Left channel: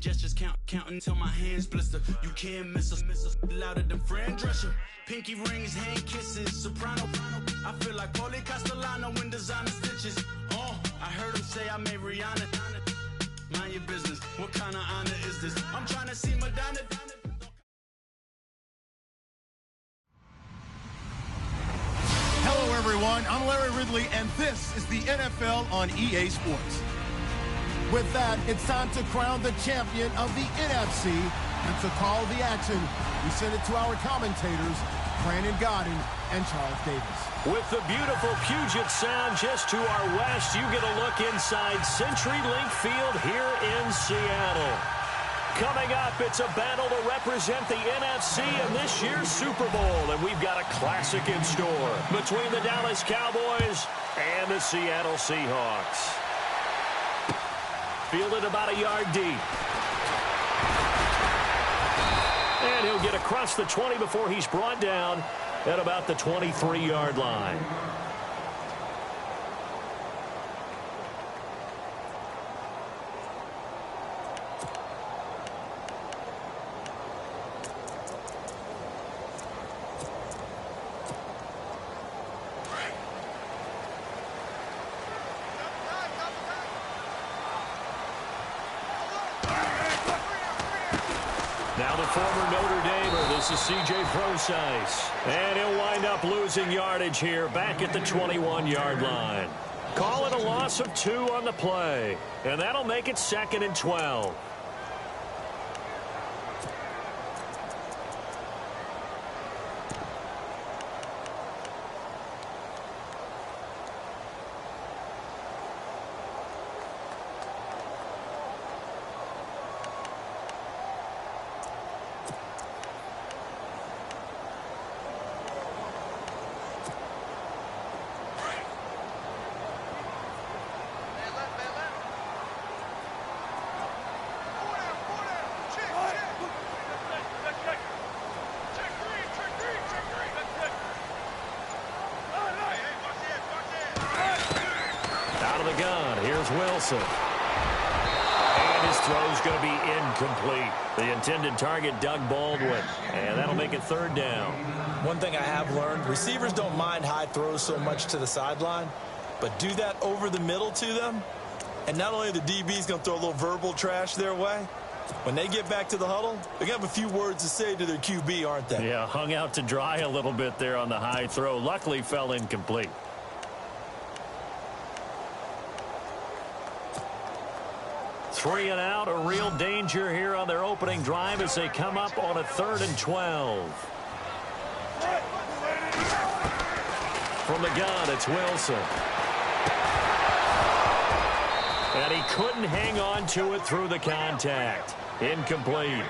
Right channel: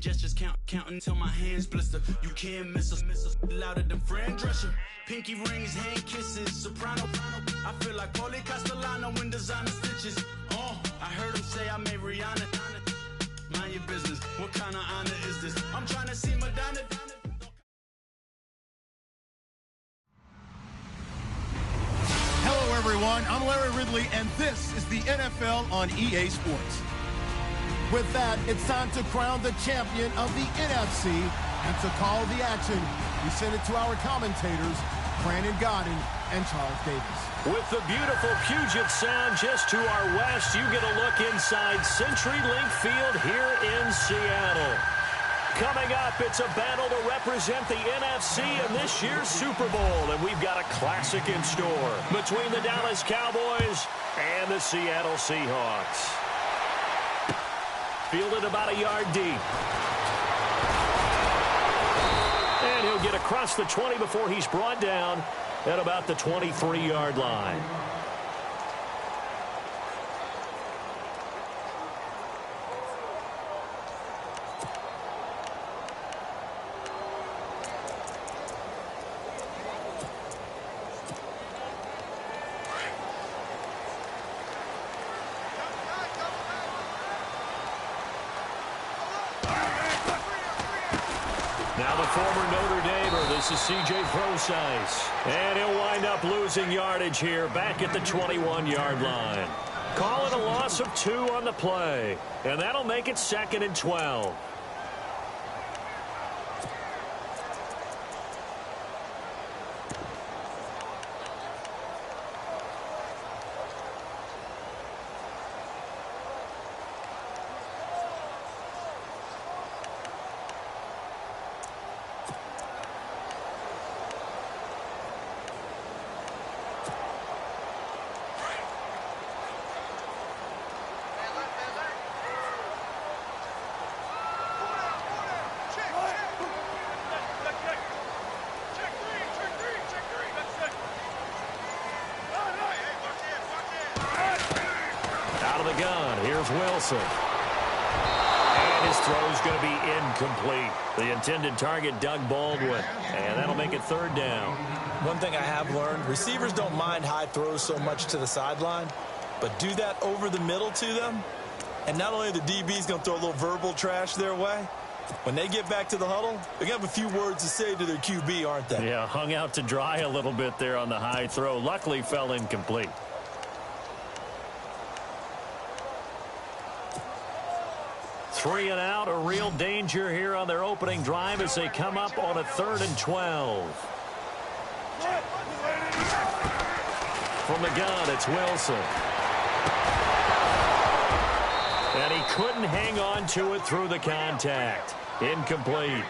Hand gestures counting till my hands blister. You can't miss us, louder than Fran Drescher. Pinky rings, hand kisses, soprano. I feel like Paulie Castellano in designer stitches. Oh, I heard him say I made Rihanna. Mind your business, what kind of honor is this? I'm trying to see Madonna. Hello, everyone. I'm Larry Ridley, and this is the NFL on EA Sports. With that, it's time to crown the champion of the NFC, and to call the action, we send it to our commentators, Brandon Godden and Charles Davis. With the beautiful Puget Sound just to our west, you get a look inside CenturyLink Field here in Seattle. Coming up, it's a battle to represent the NFC in this year's Super Bowl, and we've got a classic in store between the Dallas Cowboys and the Seattle Seahawks. Fielded about a yard deep. And he'll get across the 20 before he's brought down at about the 23-yard line. Now the former Notre Damer, this is C.J. Prosise. And he'll wind up losing yardage here back at the 21-yard line. Call it a loss of 2 on the play. And that'll make it 2nd and 12. Here's Wilson. And his throw's going to be incomplete. The intended target, Doug Baldwin. And that'll make it 3rd down. One thing I have learned, receivers don't mind high throws so much to the sideline, but do that over the middle to them, and not only are the DBs going to throw a little verbal trash their way, when they get back to the huddle, they're going to have a few words to say to their QB, aren't they? Yeah, hung out to dry a little bit there on the high throw. Luckily fell incomplete. 3 and out, a real danger here on their opening drive as they come up on a 3rd and 12. From the gun, it's Wilson. And he couldn't hang on to it through the contact. Incomplete.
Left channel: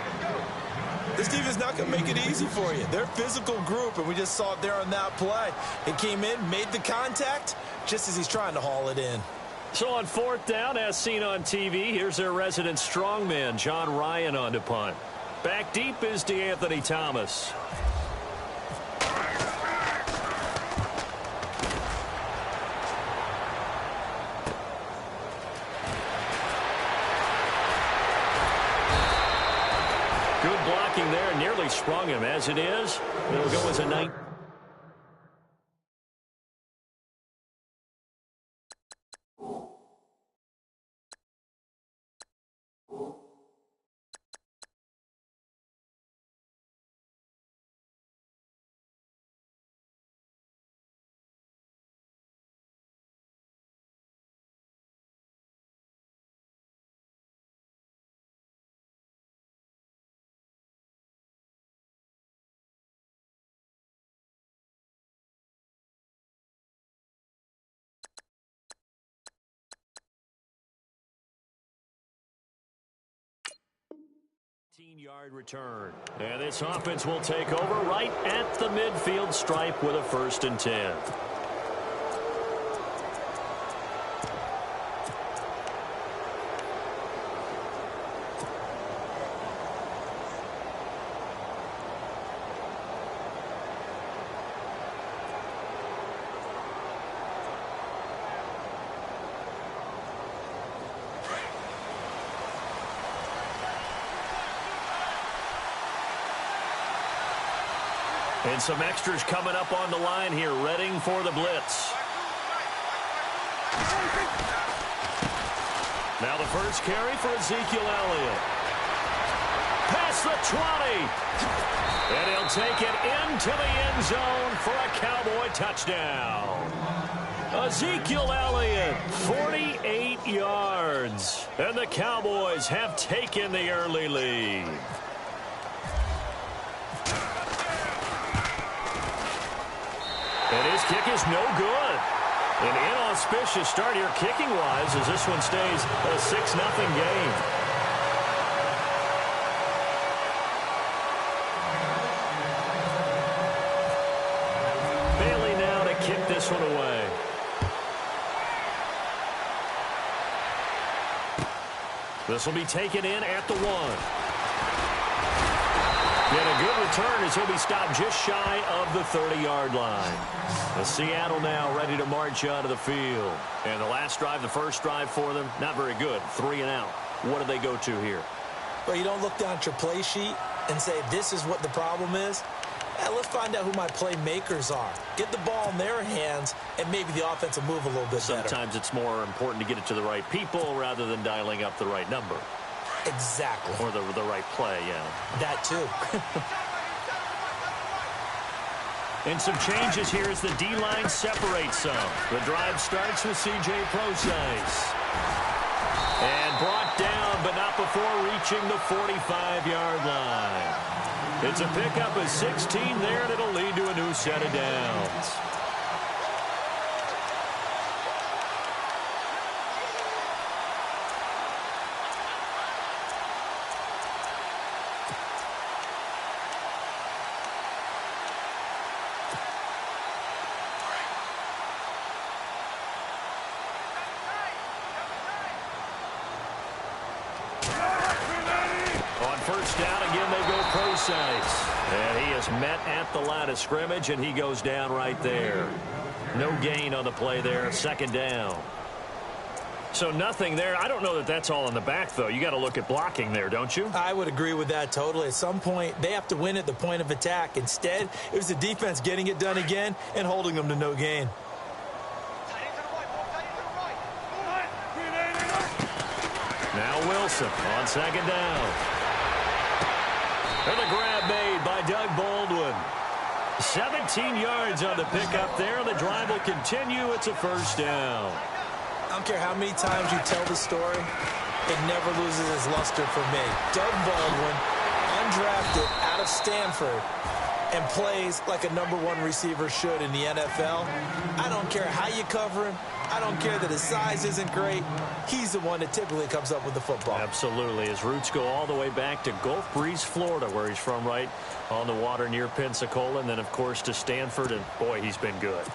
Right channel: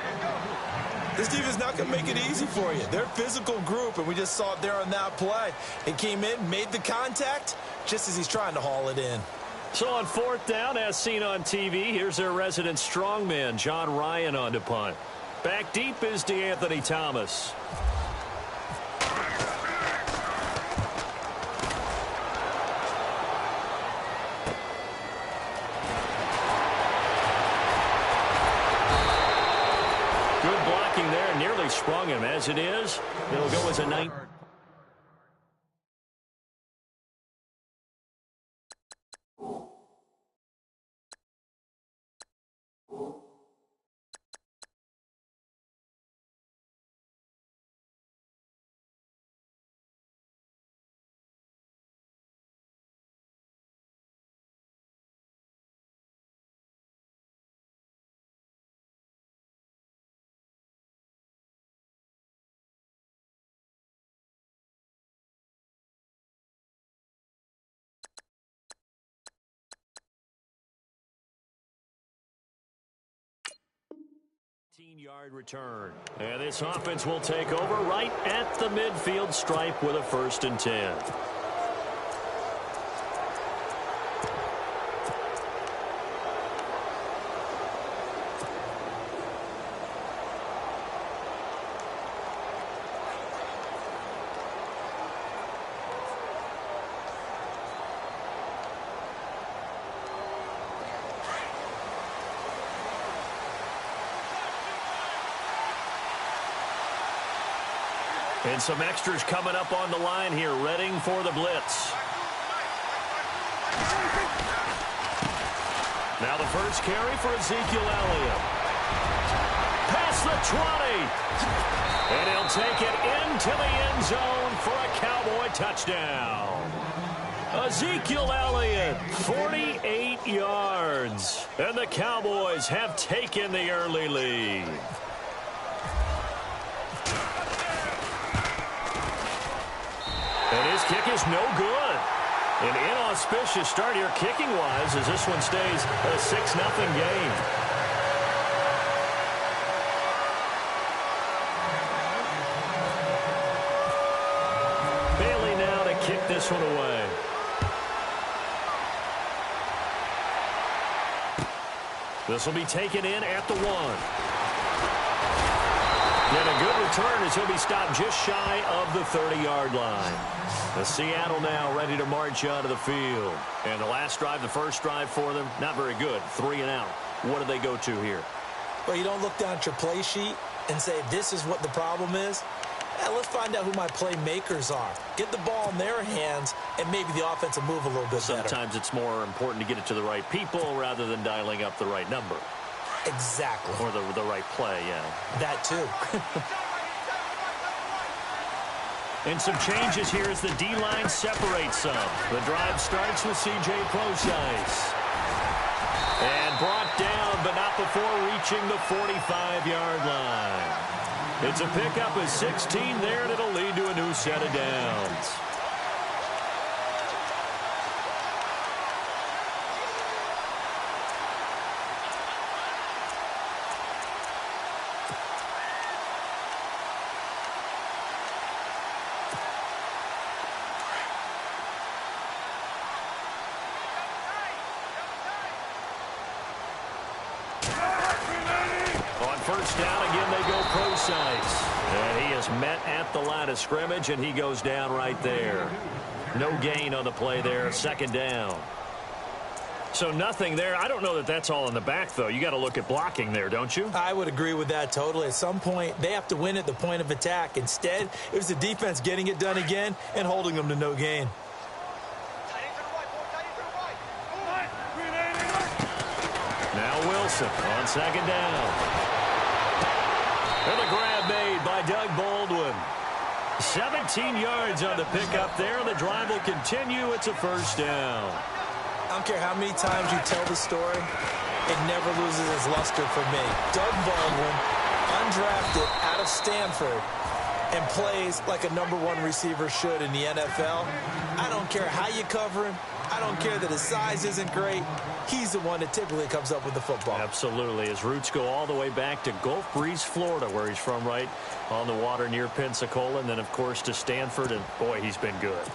This defense is not going to make it easy for you. They're a physical group, and we just saw it there on that play. It came in, made the contact, just as he's trying to haul it in. So on 4th down, as seen on TV, here's their resident strongman, John Ryan, on to punt. Back deep is DeAnthony Thomas. Good blocking there, nearly sprung him. As it is, it'll go as a 9. Yard return. And this offense will take over right at the midfield stripe with a 1st and 10. And some extras coming up on the line here, readying for the blitz. Now the first carry for Ezekiel Elliott. Past the 20. And he'll take it into the end zone for a Cowboy touchdown. Ezekiel Elliott, 48 yards. And the Cowboys have taken the early lead. And his kick is no good. An inauspicious start here kicking-wise as this one stays a 6-0 game. Bailey now to kick this one away. This will be taken in at the 1. And a good return as he'll be stopped just shy of the 30-yard line. The Seattle now ready to march out of the field. And the last drive, the first drive for them, not very good. 3 and out. What do they go to here? Well, you don't look down at your play sheet and say, this is what the problem is. Let's find out who my playmakers are. Get the ball in their hands, and maybe the offense will move a little bit better. Sometimes it's more important to get it to the right people rather than dialing up the right number. Exactly. Or the right play, yeah. That too. And some changes here as the D-line separates some. The drive starts with C.J. Procise. And brought down, but not before reaching the 45-yard line. It's a pickup of 16 there, and it'll lead to a new set of downs. First down, again, they go Procise. And he is met at the line of scrimmage, and he goes down right there. No gain on the play there, second down. So nothing there. I don't know that that's all in the back, though. You got to look at blocking there, don't you? I would agree with that totally. At some point, they have to win at the point of attack. Instead, it was the defense getting it done again and holding them to no gain. Now Wilson on second down. And the grab made by Doug Baldwin. 17 yards on the pickup there. The drive will continue. It's a first down. I don't care how many times you tell the story, it never loses its luster for me. Doug Baldwin, undrafted out of Stanford, and plays like a #1 receiver should in the NFL. I don't care how you cover him. I don't care that his size isn't great. He's the one that typically comes up with the football. Absolutely. His roots go all the way back to Gulf Breeze, Florida, where he's from, right on the water near Pensacola. And then, of course, to Stanford. And, boy, he's been good.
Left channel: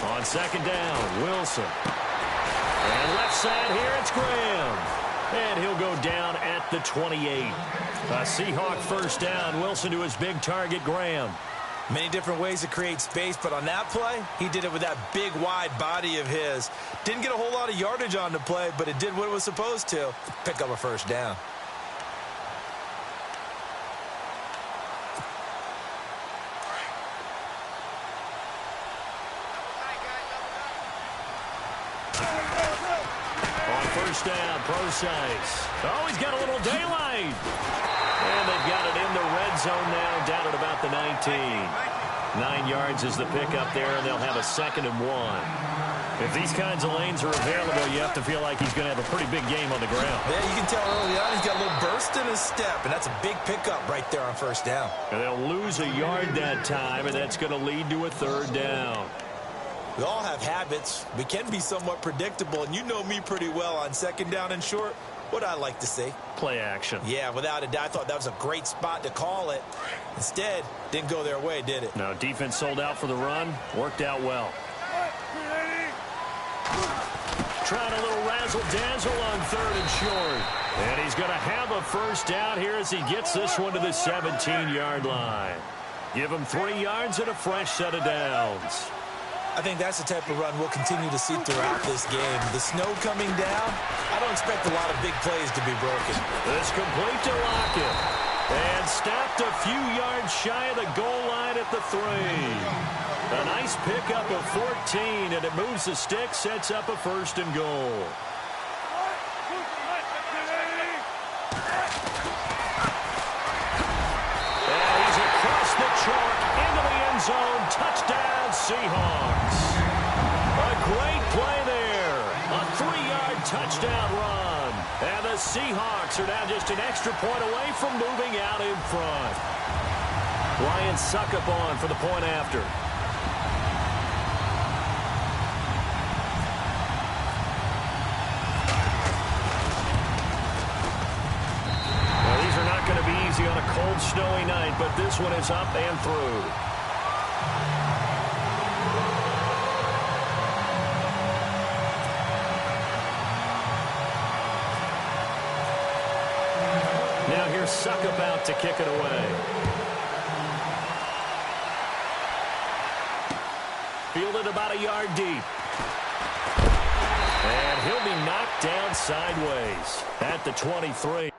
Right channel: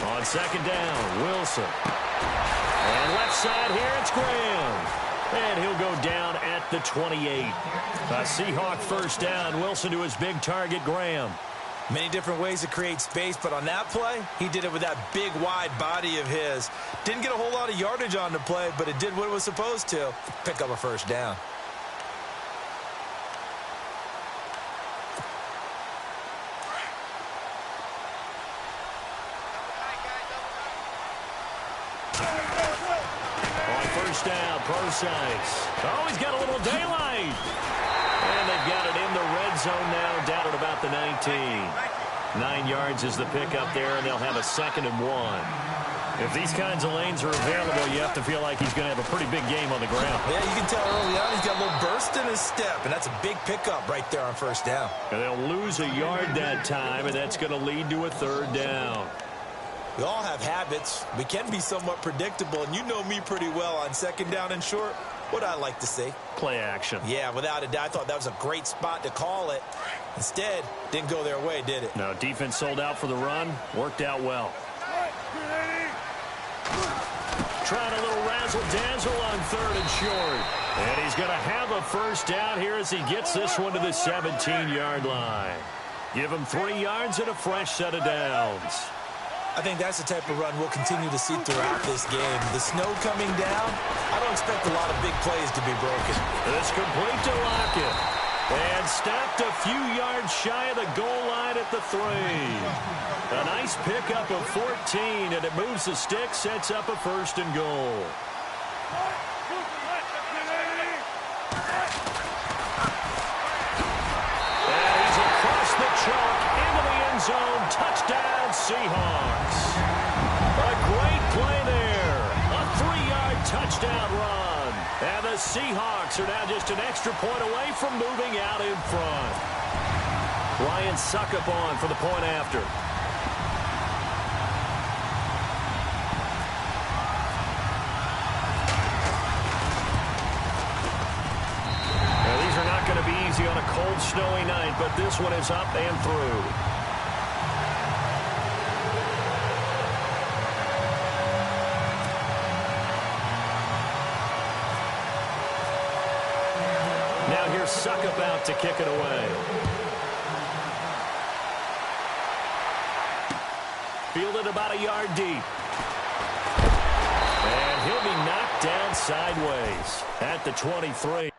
On second down, Wilson. And left side here, it's Graham. And he'll go down at the 28. A Seahawk first down. Wilson to his big target, Graham. Many different ways to create space, but on that play, he did it with that big, wide body of his. Didn't get a whole lot of yardage on the play, but it did what it was supposed to. Pick up a first down. First down, Procise. Oh, he's got a little daylight. And they've got it in the red zone now, down at about the 19. 9 yards is the pickup there, and they'll have a 2nd and 1. If these kinds of lanes are available, you have to feel like he's going to have a pretty big game on the ground. Yeah, you can tell early on he's got a little burst in his step, and that's a big pickup right there on first down. And they'll lose a yard that time, and that's going to lead to a 3rd down. We all have habits. We can be somewhat predictable, and you know me pretty well on 2nd down and short. What I like to see. Play action. Yeah, without a doubt. I thought that was a great spot to call it. Instead, didn't go their way, did it? No, defense sold out for the run. Worked out well. trying a little razzle-dazzle on 3rd and short. And he's going to have a first down here as he gets this one to the 17-yard line. Give him 3 yards and a fresh set of downs. I think that's the type of run we'll continue to see throughout this game. The snow coming down, I don't expect a lot of big plays to be broken. This complete to Lockett. And stopped a few yards shy of the goal line at the 3. A nice pickup of 14, and it moves the stick, sets up a 1st and goal. And he's across the chalk into the end zone. Touchdown, Seahawks. A great play there. A 3-yard touchdown run. And the Seahawks are now just an extra point away from moving out in front. Ryan Suckup on for the point after. Now, these are not going to be easy on a cold, snowy night, but this one is up and through. Now here's Suckup out to kick it away. Fielded about a yard deep. And he'll be knocked down sideways at the 23.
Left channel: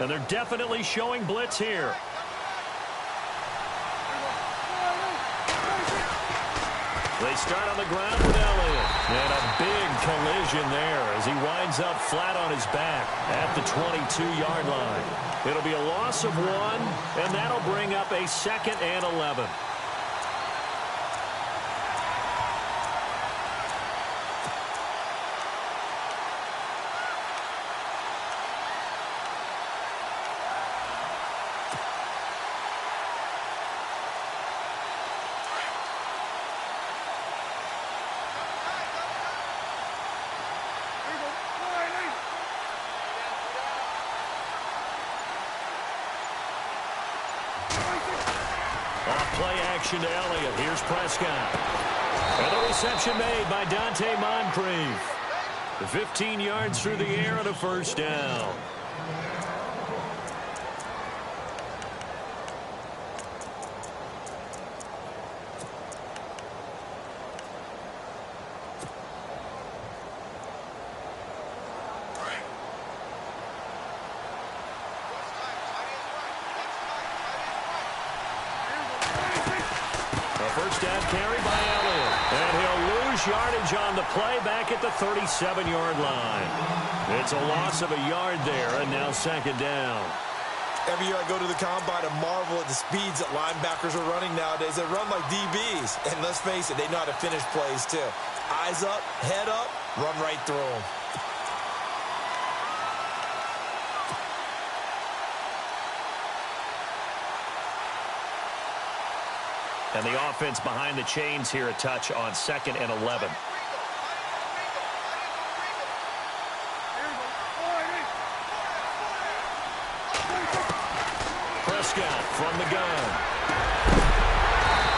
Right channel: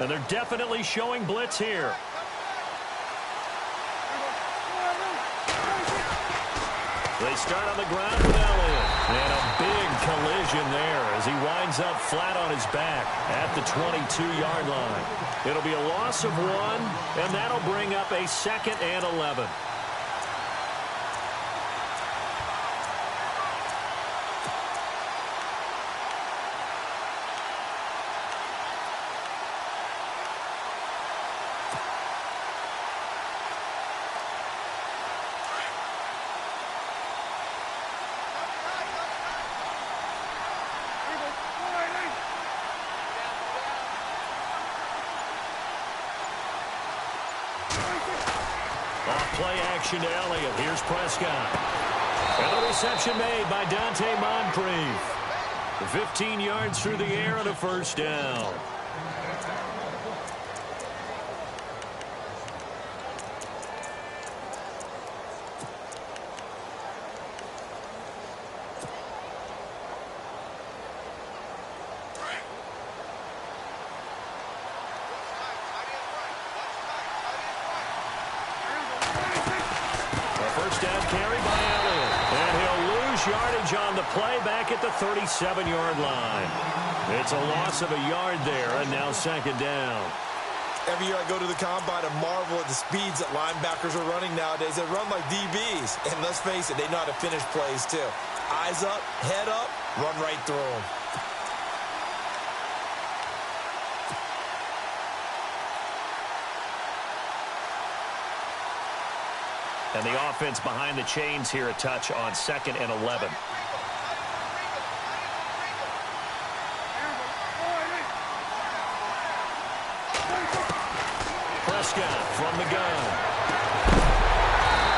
And they're definitely showing blitz here. They start on the ground with Elliott. And a big collision there as he winds up flat on his back at the 22-yard line. It'll be a loss of 1, and that'll bring up a 2nd and 11. Off play action to Elliott. Here's Prescott. And the reception made by Dante Moncrief. 15 yards through the air and a first down. First down carry by Elliott. And he'll lose yardage on the play back at the 37-yard line. It's a loss of a yard there, and now second down. Every year I go to the combine and marvel at the speeds that linebackers are running nowadays. They run like DBs. And let's face it, they know how to finish plays too. Eyes up, head up, run right through them. And the offense behind the chains here a touch on 2nd and 11. Prescott from the gun.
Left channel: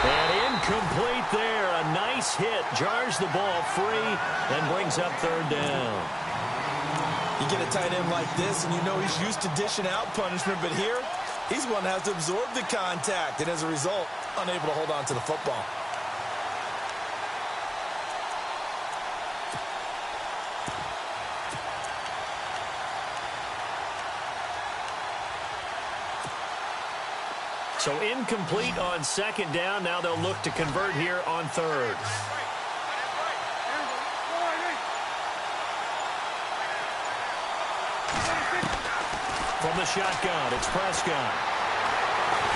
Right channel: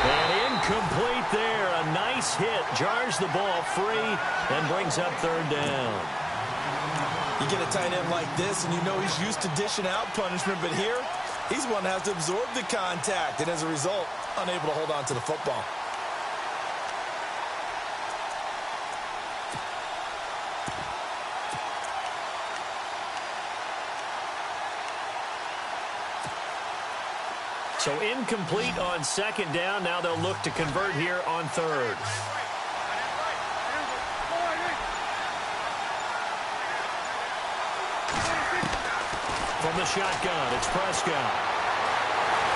And incomplete there. A nice hit. Jars the ball free and brings up third down. You get a tight end like this, and you know he's used to dishing out punishment, but here, he's one that has to absorb the contact, and as a result, unable to hold on to the football. So incomplete on second down. Now they'll look to convert here on third. From the shotgun, it's Prescott.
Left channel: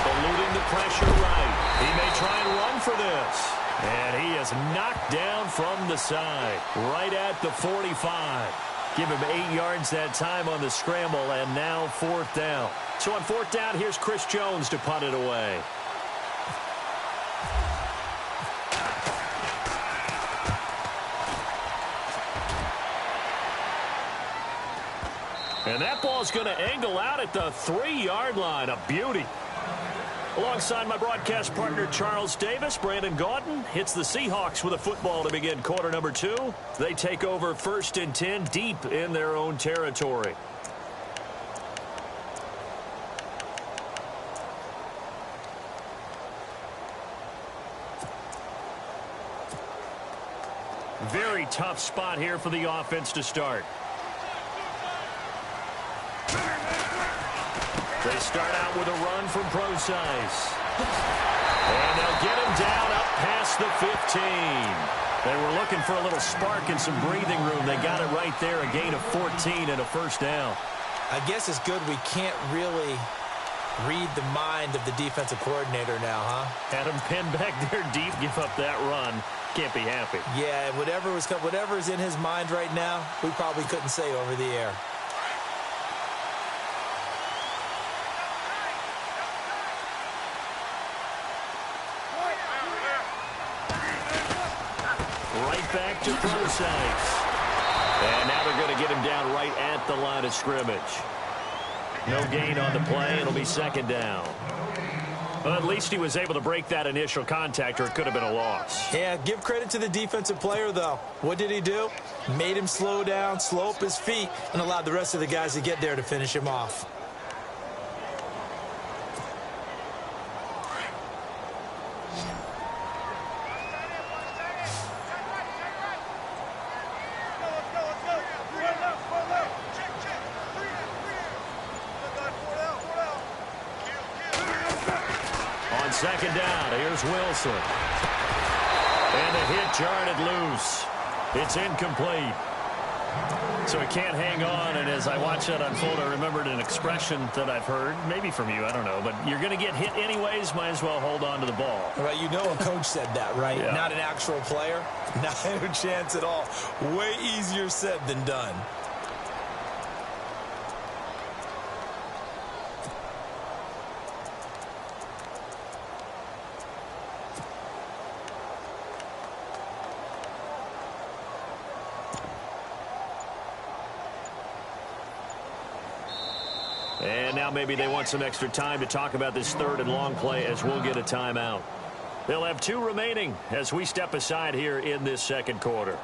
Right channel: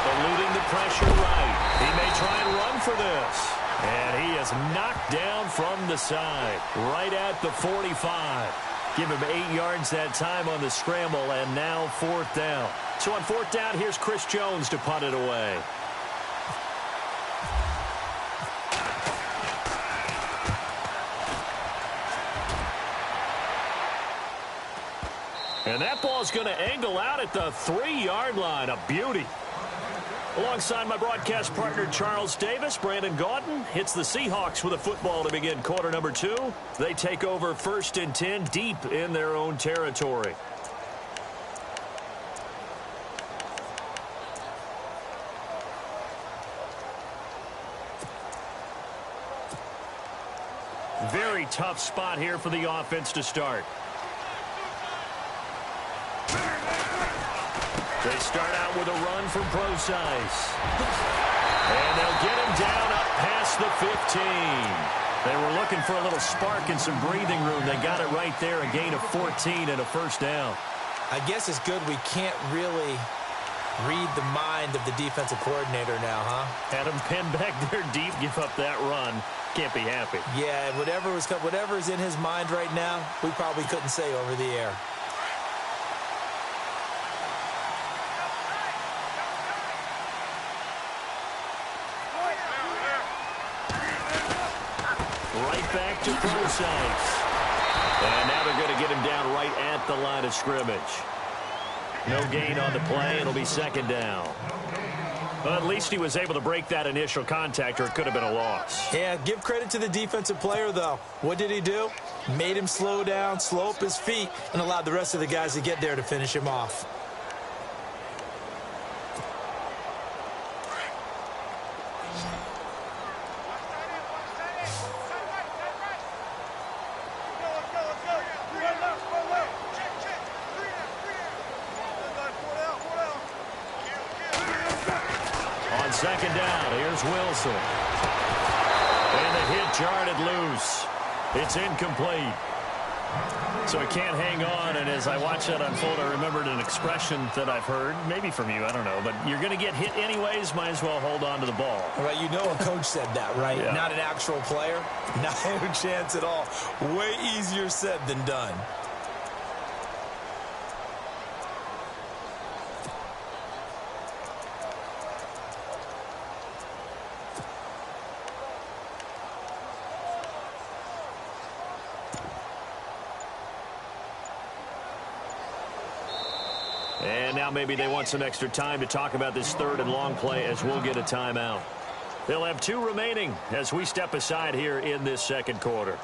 Eluding the pressure right. He may try and run for this. And he is knocked down from the side. Right at the 45. Give him 8 yards that time on the scramble, and now fourth down. So on fourth down, here's Chris Jones to punt it away. And that ball's going to angle out at the 3-yard line. A beauty. Alongside my broadcast partner, Charles Davis, Brandon Gaudin hits the Seahawks with a football to begin quarter number 2. They take over 1st and 10 deep in their own territory. Very tough spot here for the offense to start. They start out with a run from Procise. And they'll get him down up past the 15. They were looking for a little spark and some breathing room. They got it right there, a gain of 14 and a first down. I guess it's good we can't really read the mind of the defensive coordinator now, huh? Had him pinned back there deep, give up that run. Can't be happy. Yeah, whatever's in his mind right now, we probably couldn't say over the air. Right back to Procise. And now they're going to get him down right at the line of scrimmage. No gain on the play. It'll be second down. Well, at least he was able to break that initial contact, or it could have been a loss. Yeah, give credit to the defensive player, though. What did he do? Made him slow down, slow up his feet, and allowed the rest of the guys to get there to finish him off. On second down, here's Wilson. And the hit jarred it loose. It's incomplete. So he can't hang on, and as I watch that unfold, I remembered an expression that I've heard, maybe from you, I don't know, but you're going to get hit anyways, might as well hold on to the ball. Right, you know a coach said that, right? Yeah. Not an actual player. Not a chance at all. Way easier said than done. And now maybe they want some extra time to talk about this third and long play as we'll get a timeout. They'll have 2 remaining as we step aside here in this second quarter.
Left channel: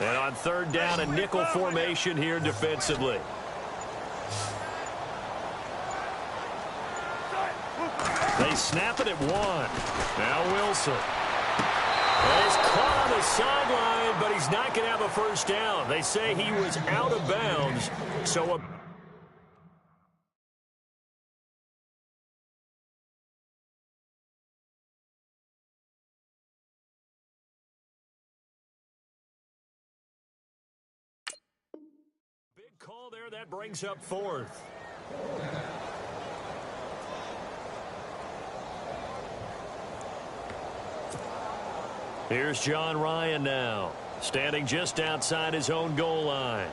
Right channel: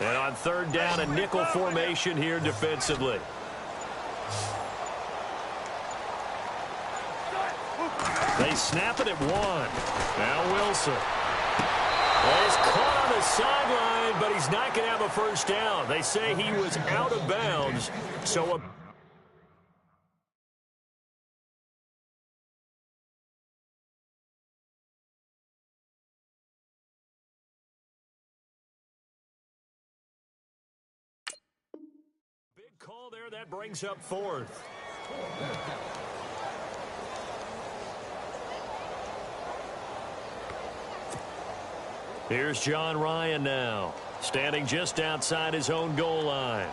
And on third down, a nickel formation here defensively. They snap it at 1. Now Wilson. Well, he's caught on the sideline, but he's not going to have a first down. They say he was out of bounds, so a big call there. That brings up 4th. Here's John Ryan now, standing just outside his own goal line.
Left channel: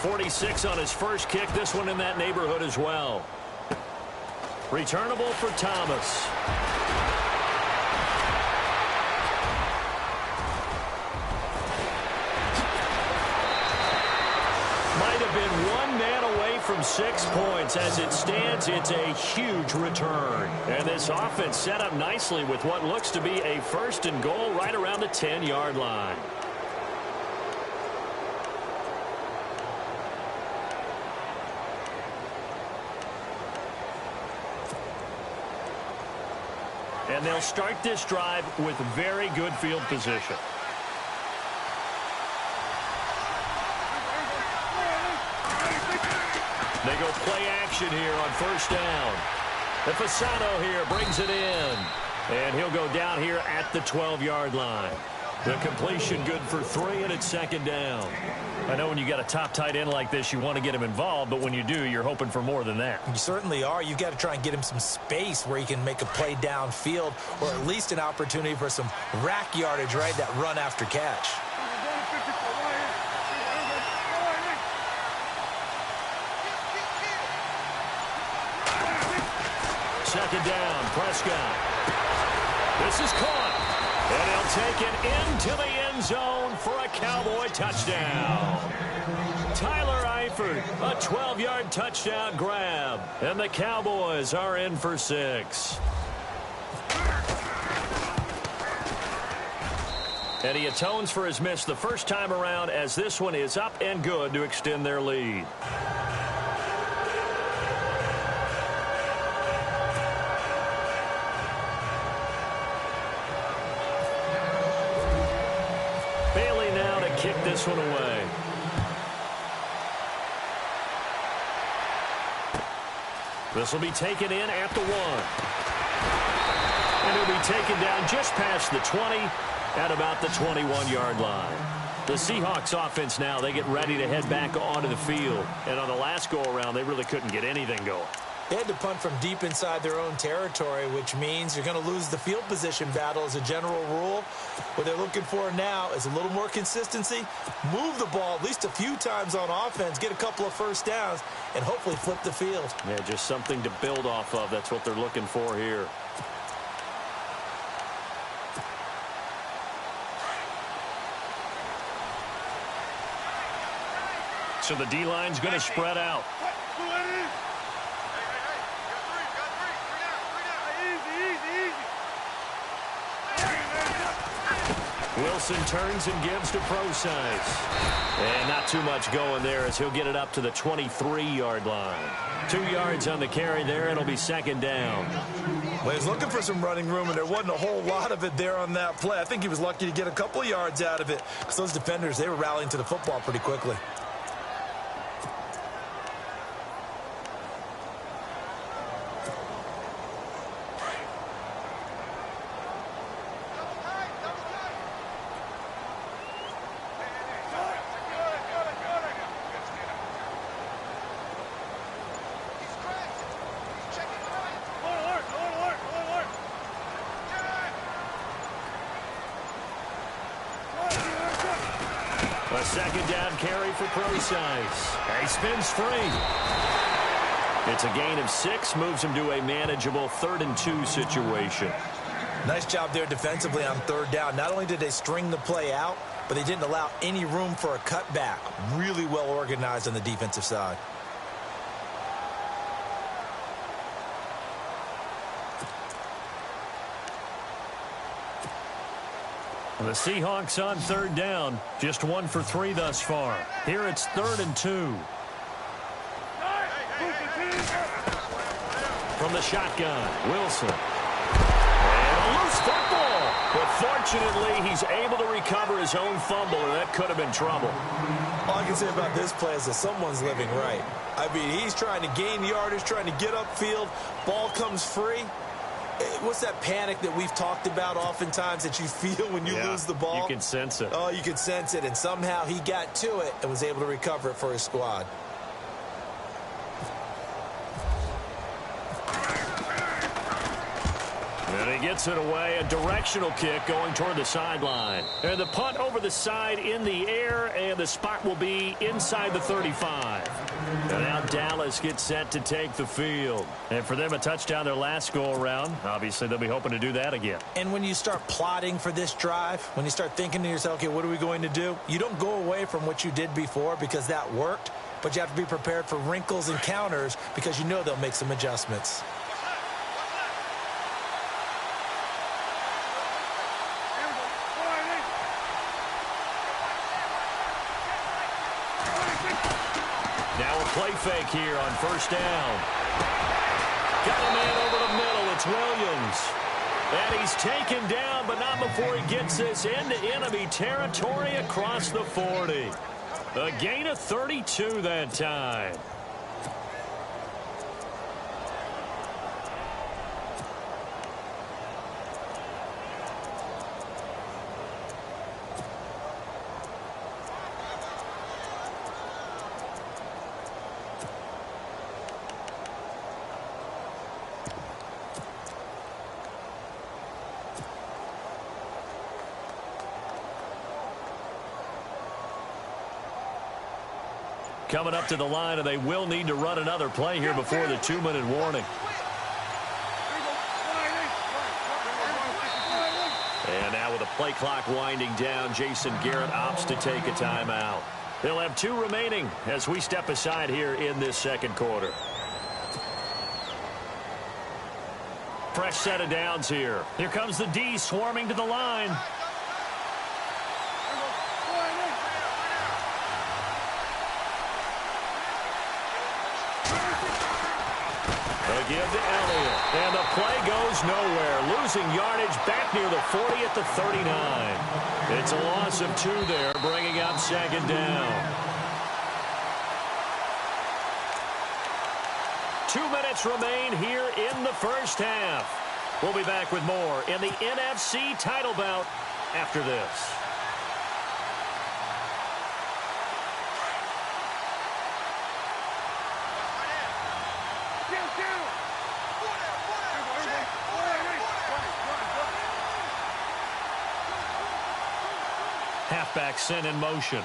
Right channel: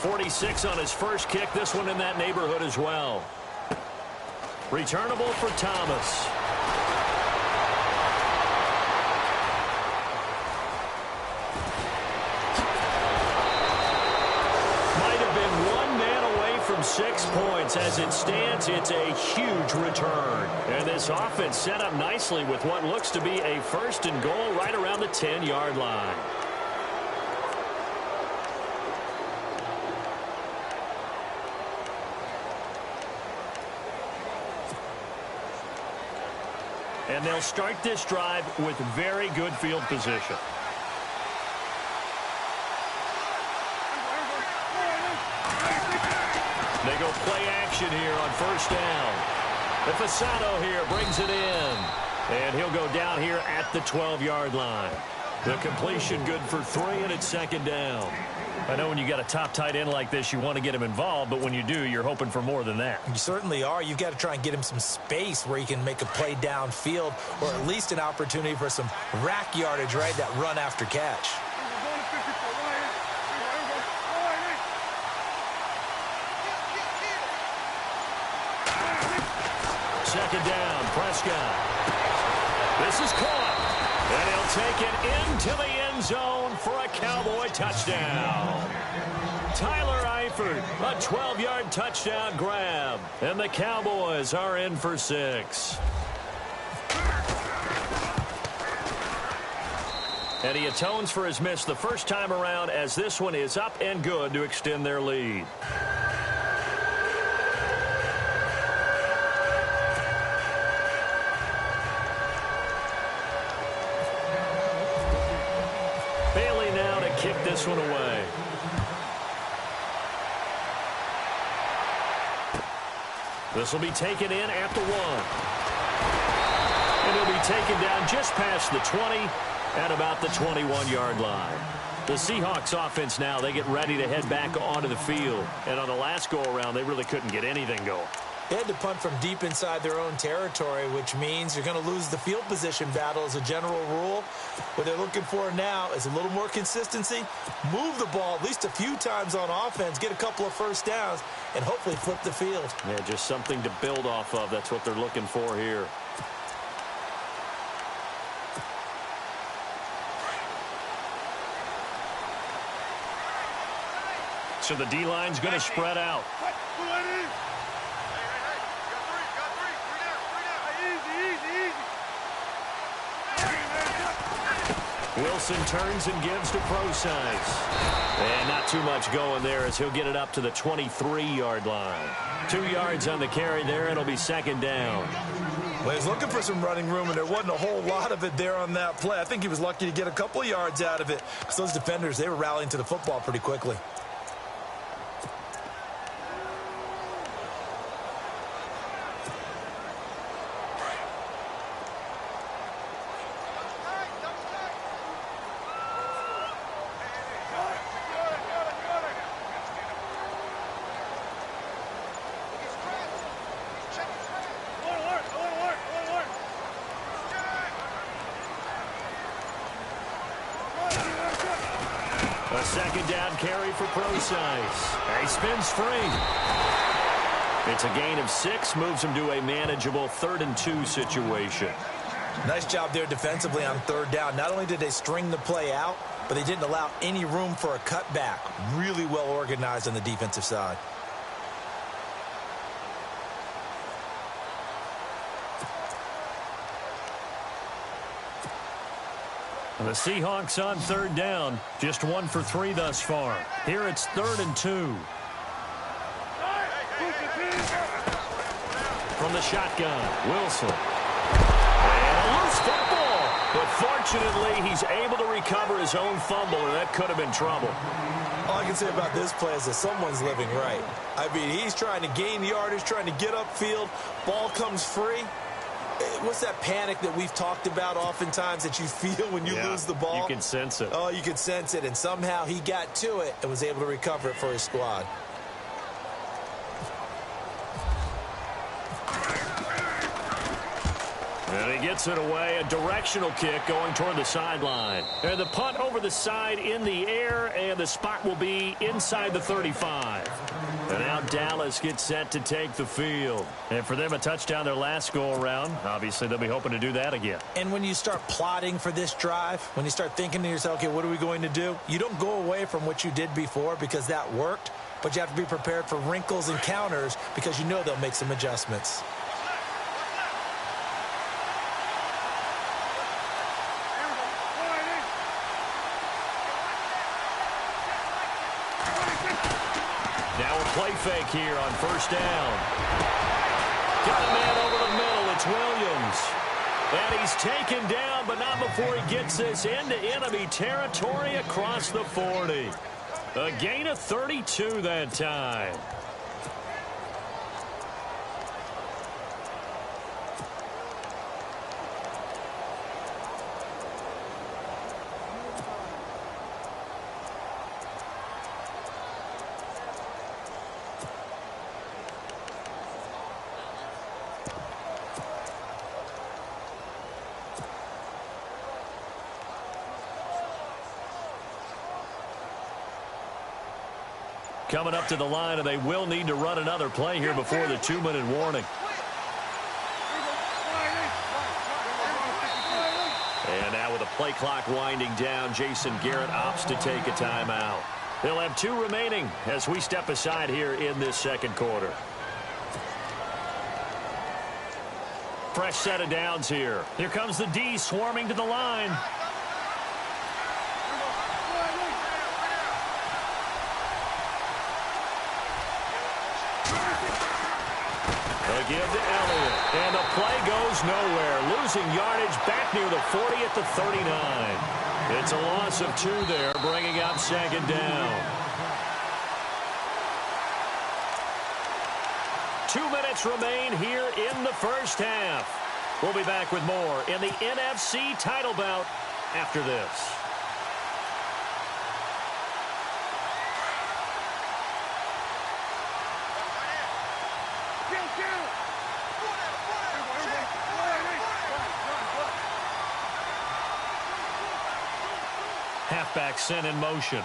.46 on his first kick. This one in that neighborhood as well. Returnable for Thomas. Might have been one man away from 6 points. As it stands, it's a huge return. And this offense set up nicely with what looks to be a first and goal right around the 10-yard line. And they'll start this drive with very good field position. They go play action here on first down. The Fasano here brings it in. And he'll go down here at the 12-yard line. The completion good for 3, and it's second down. I know when you got a top tight end like this, you want to get him involved, but when you do, you're hoping for more than that. You certainly are. You've got to try and get him some space where he can make a play downfield, or at least an opportunity for some rack yardage, right? That run after catch. Second down, Prescott. This is caught. And he'll take it into the end zone for a Cowboy touchdown. Tyler Eifert, a 12-yard touchdown grab. And the Cowboys are in for 6. And he atones for his miss the first time around, as this one is up and good to extend their lead. Kick this one away. This will be taken in at the 1. And he'll be taken down just past the 20 at about the 21-yard line. The Seahawks offense now, they get ready to head back onto the field. And on the last go-around, they really couldn't get anything going. They had to punt from deep inside their own territory, which means you're going to lose the field position battle as a general rule. What they're looking for now is a little more consistency, move the ball at least a few times on offense, get a couple of first downs, and hopefully flip the field. Yeah, just something to build off of. That's what they're looking for here. So the D-line's going to spread out. Wilson turns and gives to Procise. And not too much going there as he'll get it up to the 23-yard line. 2 yards on the carry there. It'll be second down. Well, he was looking for some running room, and there wasn't a whole lot of it there on that play. I think he was lucky to get a couple of yards out of it because those defenders, they were rallying to the football pretty quickly. A second down carry for Procise. He spins free. It's a gain of 6, moves him to a manageable 3rd and 2 situation. Nice job there defensively on 3rd down. Not only did they string the play out, but they didn't allow any room for a cutback. Really well organized on the defensive side. The Seahawks on 3rd down. Just 1 for 3 thus far. Here it's 3rd and 2. From the shotgun, Wilson. And a loose football. But fortunately, he's able to recover his own fumble, and that could have been trouble. All I can say about this play is that someone's living right. I mean, he's trying to gain yardage, trying to get upfield. Ball comes free. What's that panic that we've talked about oftentimes that you feel when you lose the ball? You can sense it. Oh, you can sense it, and somehow he got to it and was able to recover it for his squad. And he gets it away, a directional kick going toward the sideline. And the punt over the side in the air, and the spot will be inside the 35. And now Dallas gets set to take the field. And for them, a touchdown their last go-around. Obviously, they'll be hoping to do that again. And when you start plotting for this drive, when you start thinking to yourself, okay, what are we going to do? You don't go away from what you did before because that worked, but you have to be prepared for wrinkles and counters because you know they'll make some adjustments. Now a play fake here on 1st down. Got a man over the middle. It's Williams. And he's taken down, but not before he gets this into enemy territory across the 40. A gain of 32 that time. Coming up to the line, and they will need to run another play here before the 2-minute warning. And now with the play clock winding down, Jason Garrett opts to take a timeout. They'll have 2 remaining as we step aside here in this second quarter. Fresh set of downs here. Here comes the D swarming to the line. Give to Elliott, and the play goes nowhere. Losing yardage back near the 40 at the 39. It's a loss of 2 there, bringing up 2nd down. 2 minutes remain here in the first half. We'll be back with more in the NFC title bout after this. Halfback sent in motion.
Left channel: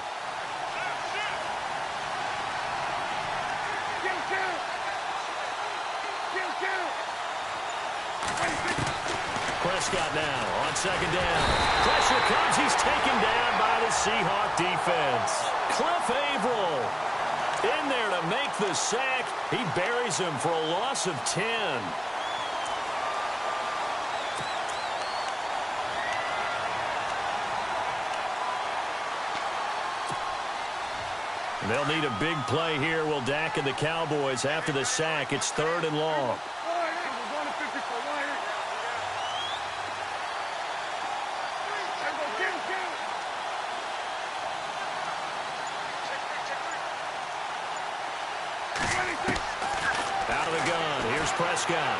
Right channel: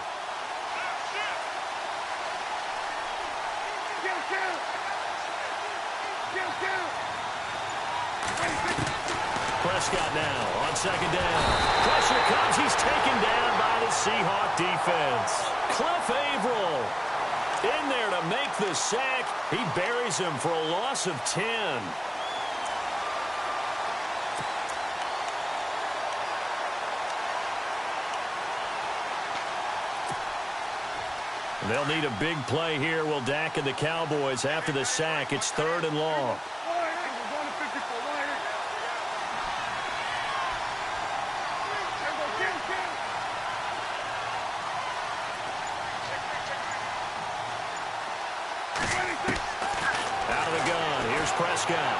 Prescott now on 2nd down. Pressure comes. He's taken down by the Seahawk defense. Cliff Averill in there to make the sack. He buries him for a loss of 10. They'll need a big play here. Will Dak and the Cowboys after the sack. It's 3rd and long. Out of the gun, here's Prescott.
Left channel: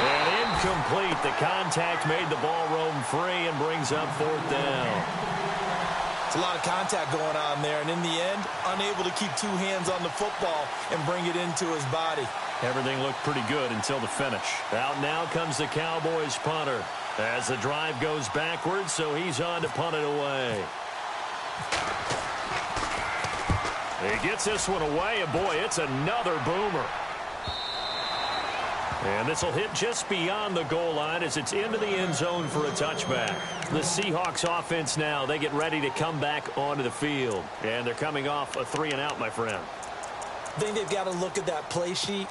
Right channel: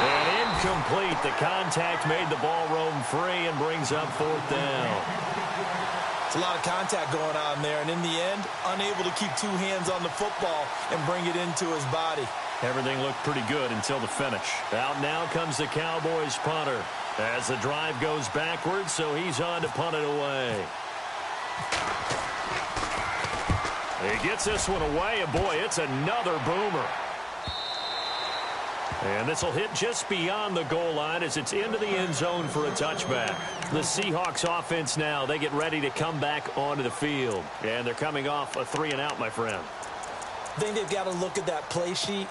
And incomplete. The contact made the ball roam free and brings up 4th down. It's a lot of contact going on there, and in the end, unable to keep 2 hands on the football and bring it into his body. Everything looked pretty good until the finish. Out now comes the Cowboys punter as the drive goes backwards, so he's on to punt it away. He gets this one away, and boy, it's another boomer. And this will hit just beyond the goal line as it's into the end zone for a touchback. The Seahawks offense now, they get ready to come back onto the field. And they're coming off a 3-and-out, my friend. I think they've got to look at that play sheet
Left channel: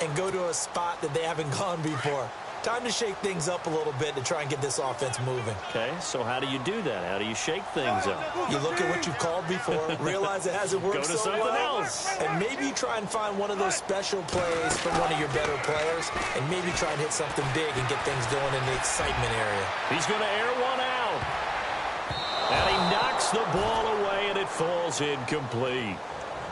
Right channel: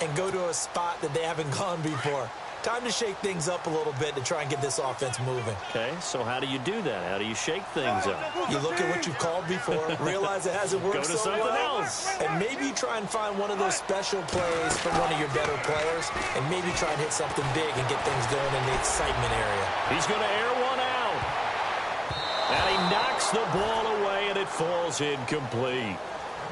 and go to a spot that they haven't gone before. Time to shake things up a little bit to try and get this offense moving. Okay, so how do you do that? How do you shake things up? You look at what you've called before, realize it hasn't worked Go to so something well, else. and maybe try and find one of those special plays from one of your better players, and maybe try and hit something big and get things going in the excitement area. He's going to air one out. And he knocks the ball away, and it falls incomplete.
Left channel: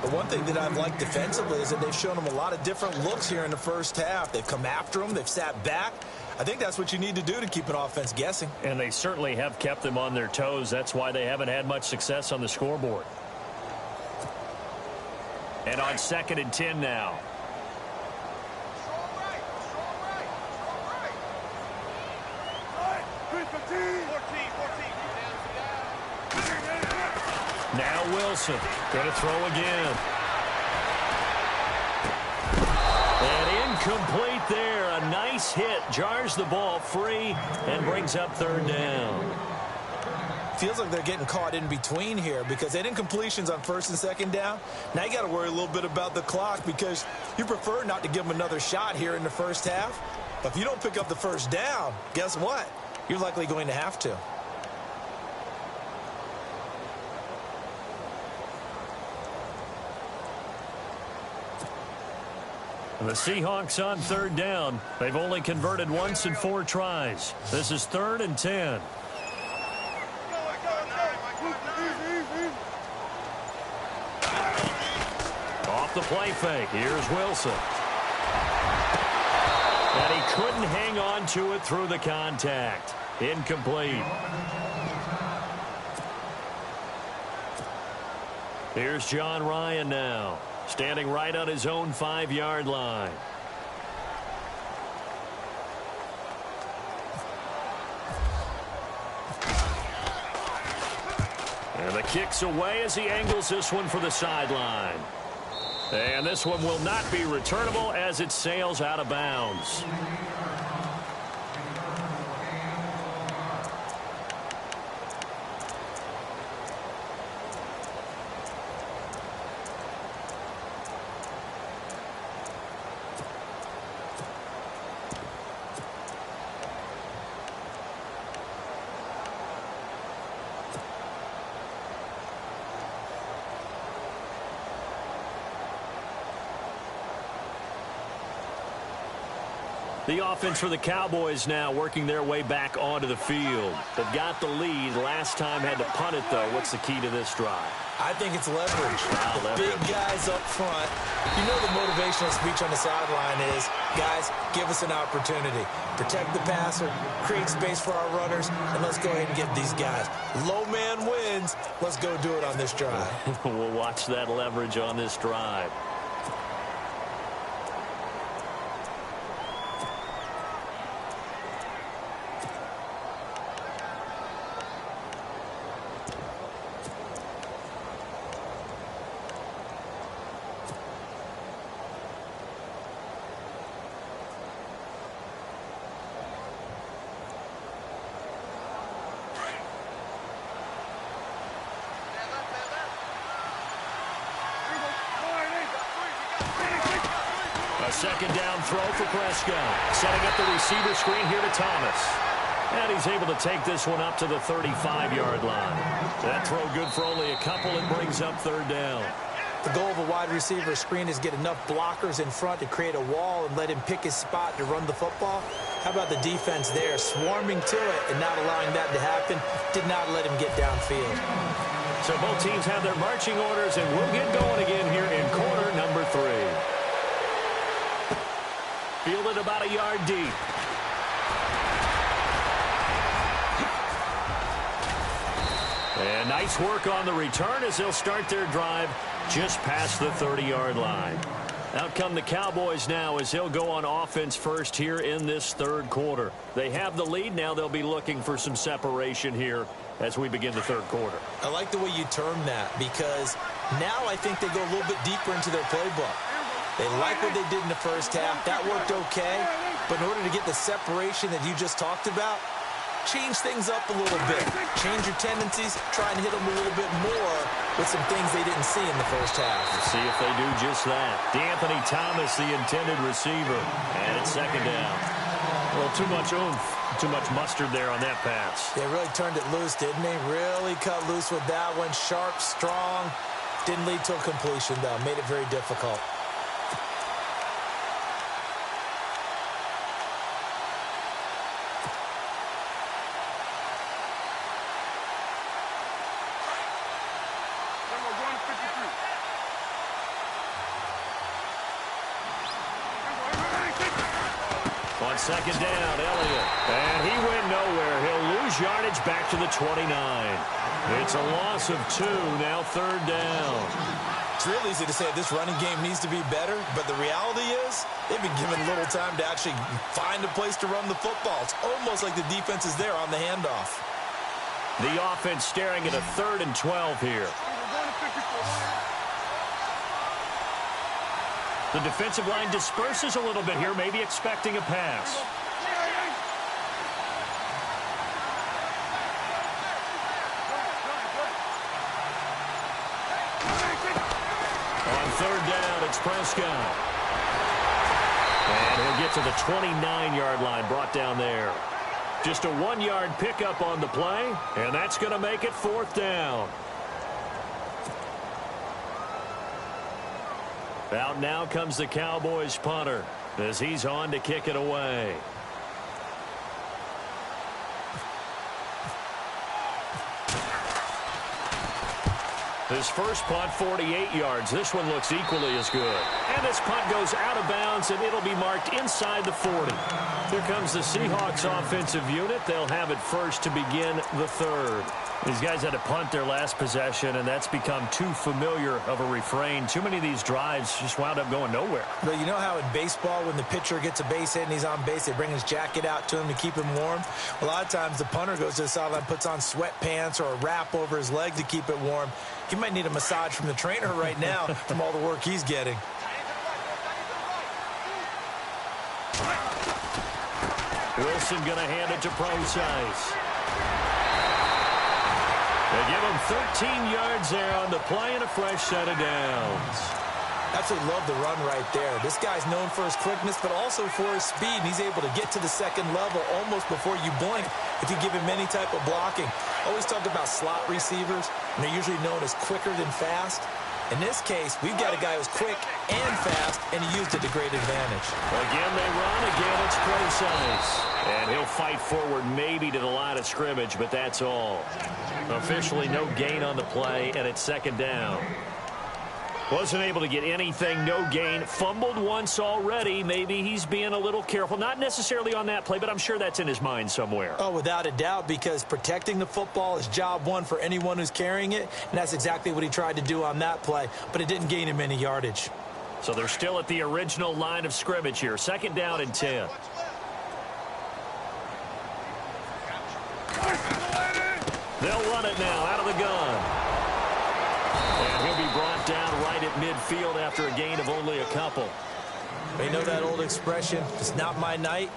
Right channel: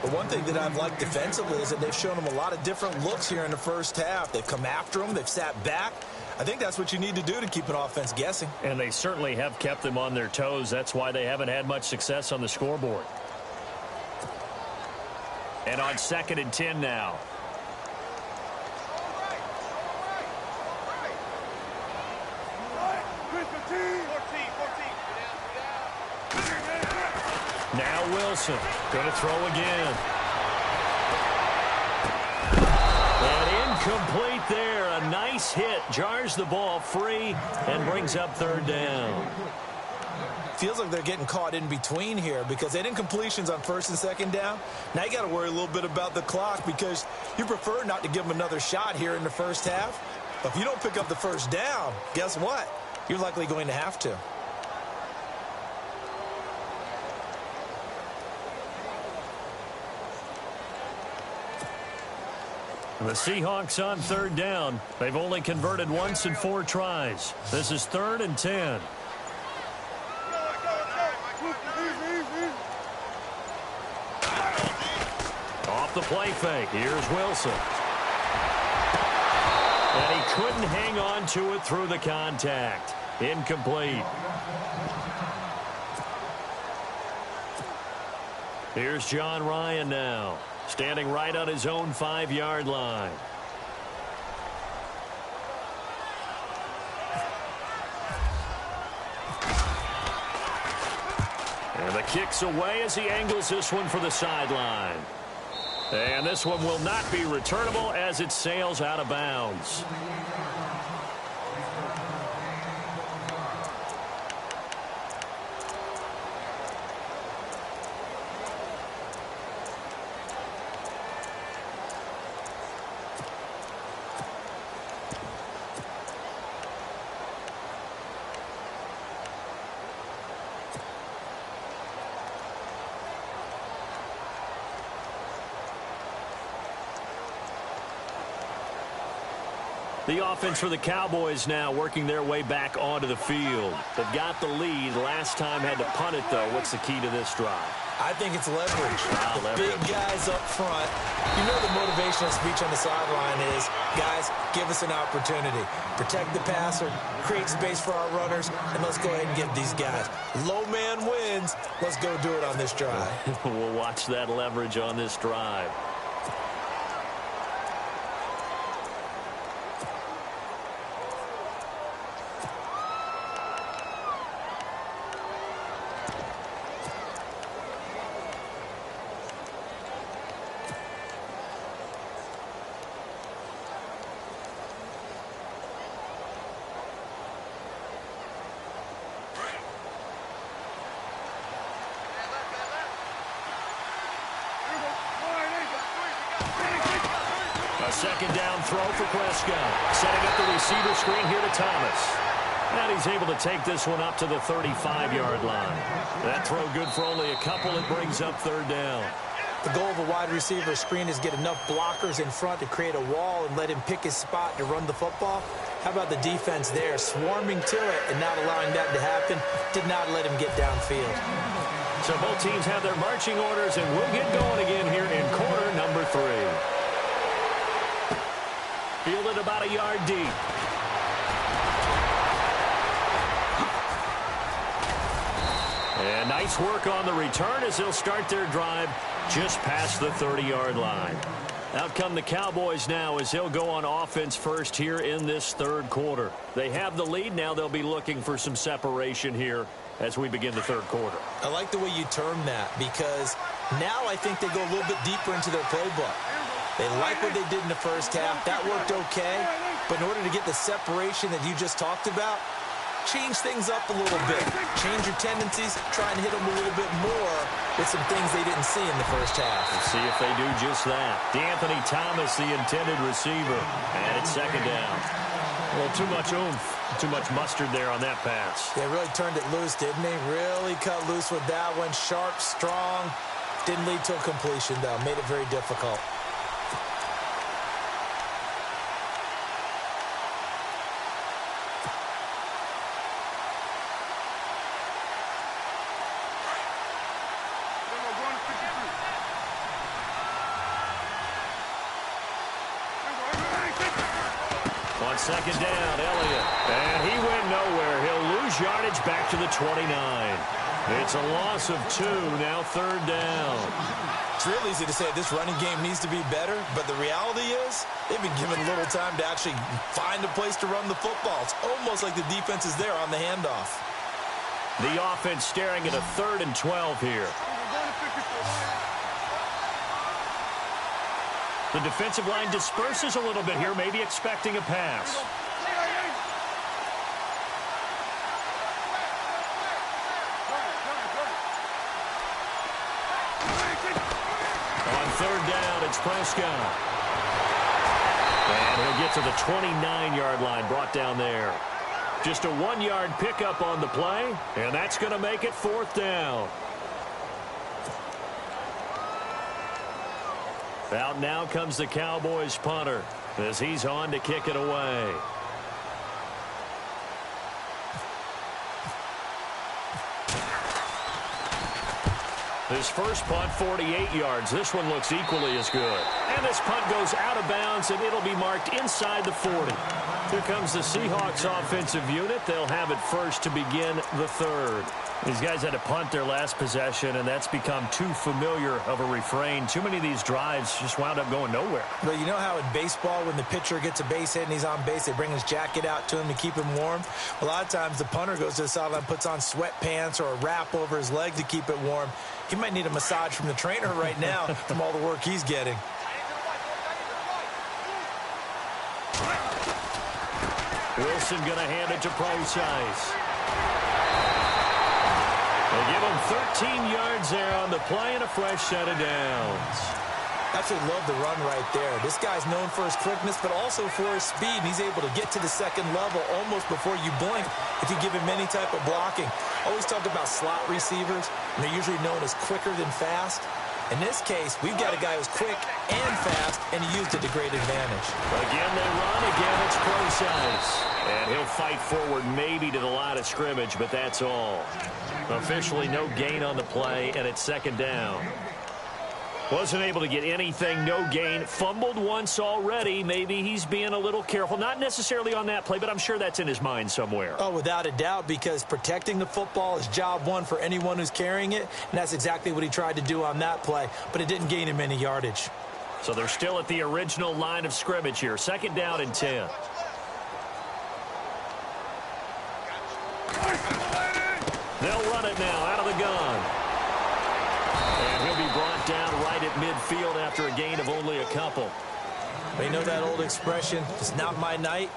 But one thing that I've liked defensively is that they've shown him a lot of different looks here in the first half. They've come after him. They've sat back. I think that's what you need to do to keep an offense guessing. And they certainly have kept them on their toes. That's why they haven't had much success on the scoreboard. And on 2nd and 10 now. Now Wilson going to throw again. And incomplete there. A nice hit. Jars the ball free and brings up 3rd down. Feels like they're getting caught in between here because they didn't completions on 1st and 2nd down. Now you got to worry a little bit about the clock because you prefer not to give them another shot here in the first half. But if you don't pick up the 1st down, guess what? You're likely going to have to. The Seahawks on 3rd down. They've only converted once in 4 tries. This is 3rd and 10. Off the play fake. Here's Wilson. And he couldn't hang on to it through the contact. Incomplete. Here's John Ryan now. Standing right on his own 5-yard line. And the kick's away as he angles this one for the sideline. And this one will not be returnable as it sails out of bounds. The offense for the Cowboys now working their way back onto the field. They've got the lead. Last time had to punt it, though. What's the key to this drive? I think it's leverage. Big guys up front. You know the motivational speech on the sideline is, guys, give us an opportunity. Protect the passer, create space for our runners, and let's go ahead and get these guys. Low man wins. Let's go do it on this drive. We'll watch that leverage on this drive. A second down throw for Prescott. Setting up the receiver screen here to Thomas. And he's able to take this one up to the 35-yard line. That throw good for only a couple. It brings up 3rd down. The goal of a wide receiver screen is get enough blockers in front to create a wall and let him pick his spot to run the football. How about the defense there, swarming to it and not allowing that to happen? Did not let him get downfield. So both teams have their marching orders, and we'll get going again here in quarter number 3. Fielded about a yard deep. And nice work on the return as they'll start their drive just past the 30-yard line. Out come the Cowboys now as they'll go on offense first here in this third quarter. They have the lead. Now they'll be looking for some separation here as we begin the third quarter. I like the way you term that because now I think they go a little bit deeper into their playbook. They like what they did in the first half. That worked okay. But in order to get the separation that you just talked about, change things up a little bit. Change your tendencies. Try and hit them a little bit more with some things they didn't see in the first half. We'll see if they do just that. D'Anthony Thomas, the intended receiver. And it's second down. A little too much oomph, too much mustard there on that pass. They really turned it loose, didn't they? Really cut loose with that one. Sharp, strong. Didn't lead to a completion, though. Made it very difficult. On second down, Elliott. And he went nowhere. He'll lose yardage back to the 29. It's a loss of 2, now third down. It's real easy to say this running game needs to be better, but the reality is they've been given little time to actually find a place to run the football. It's almost like the defense is there on the handoff. The offense staring at a 3rd and 12 here. The defensive line disperses a little bit here, maybe expecting a pass. On third down, it's Prescott. And he'll get to the 29-yard line, brought down there. Just a 1-yard pickup on the play, and that's going to make it 4th down. Out now comes the Cowboys punter as he's on to kick it away. His first punt, 48 yards. This one looks equally as good. And this punt goes out of bounds, and it'll be marked inside the 40. Here comes the Seahawks offensive unit. They'll have it first to begin the third. These guys had to punt their last possession, and that's become too familiar of a refrain. Too many of these drives just wound up going nowhere. But you know how in baseball, when the pitcher gets a base hit and he's on base, they bring his jacket out to him to keep him warm? A lot of times the punter goes to the sideline, puts on sweatpants or a wrap over his leg to keep it warm. He might need a massage from the trainer right now from all the work he's getting. Wilson going to hand it to Procise. They give him 13 yards there on the play and a fresh set of downs. Absolutely love the run right there. This guy's known for his quickness, but also for his speed. And he's able to get to the second level almost before you blink if you give him any type of blocking. Always talk about slot receivers, and they're usually known as quicker than fast. In this case, we've got a guy who's quick and fast, and he used it to great advantage. Again, they run. Again, it's Procise. And he'll fight forward maybe to the line of scrimmage, but that's all. Officially no gain on the play, and it's second down. Wasn't able to get anything, no gain. Fumbled once already. Maybe he's being a little careful. Not necessarily on that play, but I'm sure that's in his mind somewhere. Oh, without a doubt, because protecting the football is job one for anyone who's carrying it, and that's exactly what he tried to do on that play, but it didn't gain him any yardage. So they're still at the original line of scrimmage here. Second down and 10. They'll run it now out of the gun. And he'll be brought down right at midfield after a gain of only a couple. You know that old expression, it's not my night?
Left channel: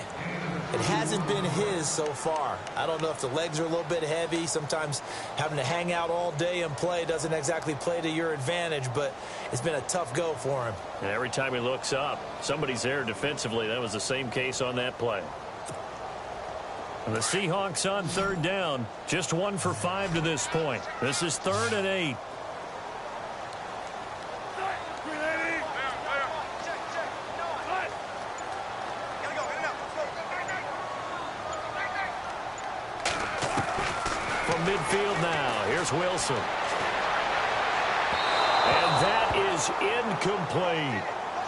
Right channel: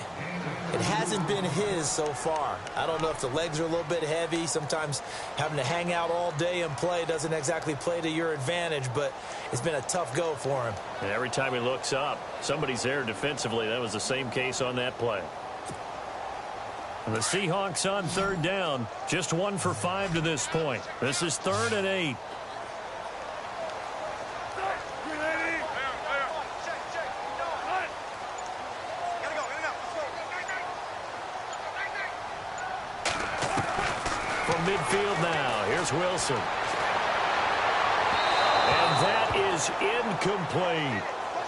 It hasn't been his so far. I don't know if the legs are a little bit heavy. Sometimes having to hang out all day and play doesn't exactly play to your advantage, but it's been a tough go for him. And every time he looks up, somebody's there defensively. That was the same case on that play. And the Seahawks on third down, just 1 for 5 to this point. This is 3rd and 8. From midfield now, here's Wilson. And that is incomplete.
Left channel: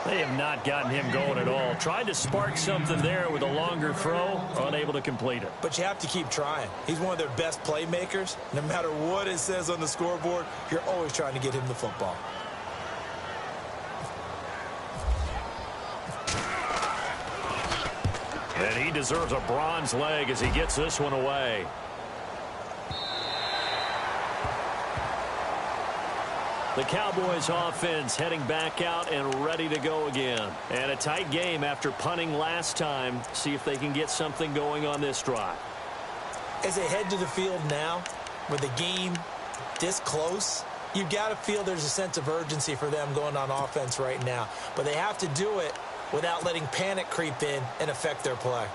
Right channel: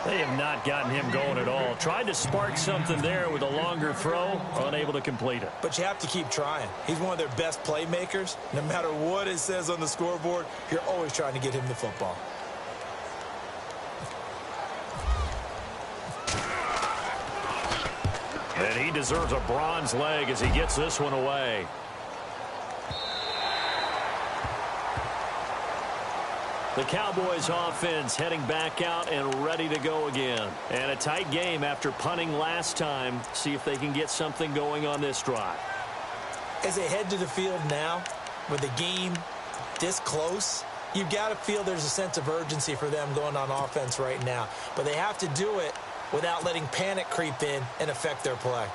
They have not gotten him going at all. Tried to spark something there with a longer throw, unable to complete it. But you have to keep trying. He's one of their best playmakers. No matter what it says on the scoreboard, you're always trying to get him the football. And he deserves a bronze leg as he gets this one away. The Cowboys offense heading back out and ready to go again. And a tight game after punting last time. See if they can get something going on this drive. As they head to the field now, with the game this close, you've got to feel there's a sense of urgency for them going on offense right now. But they have to do it without letting panic creep in and affect their play.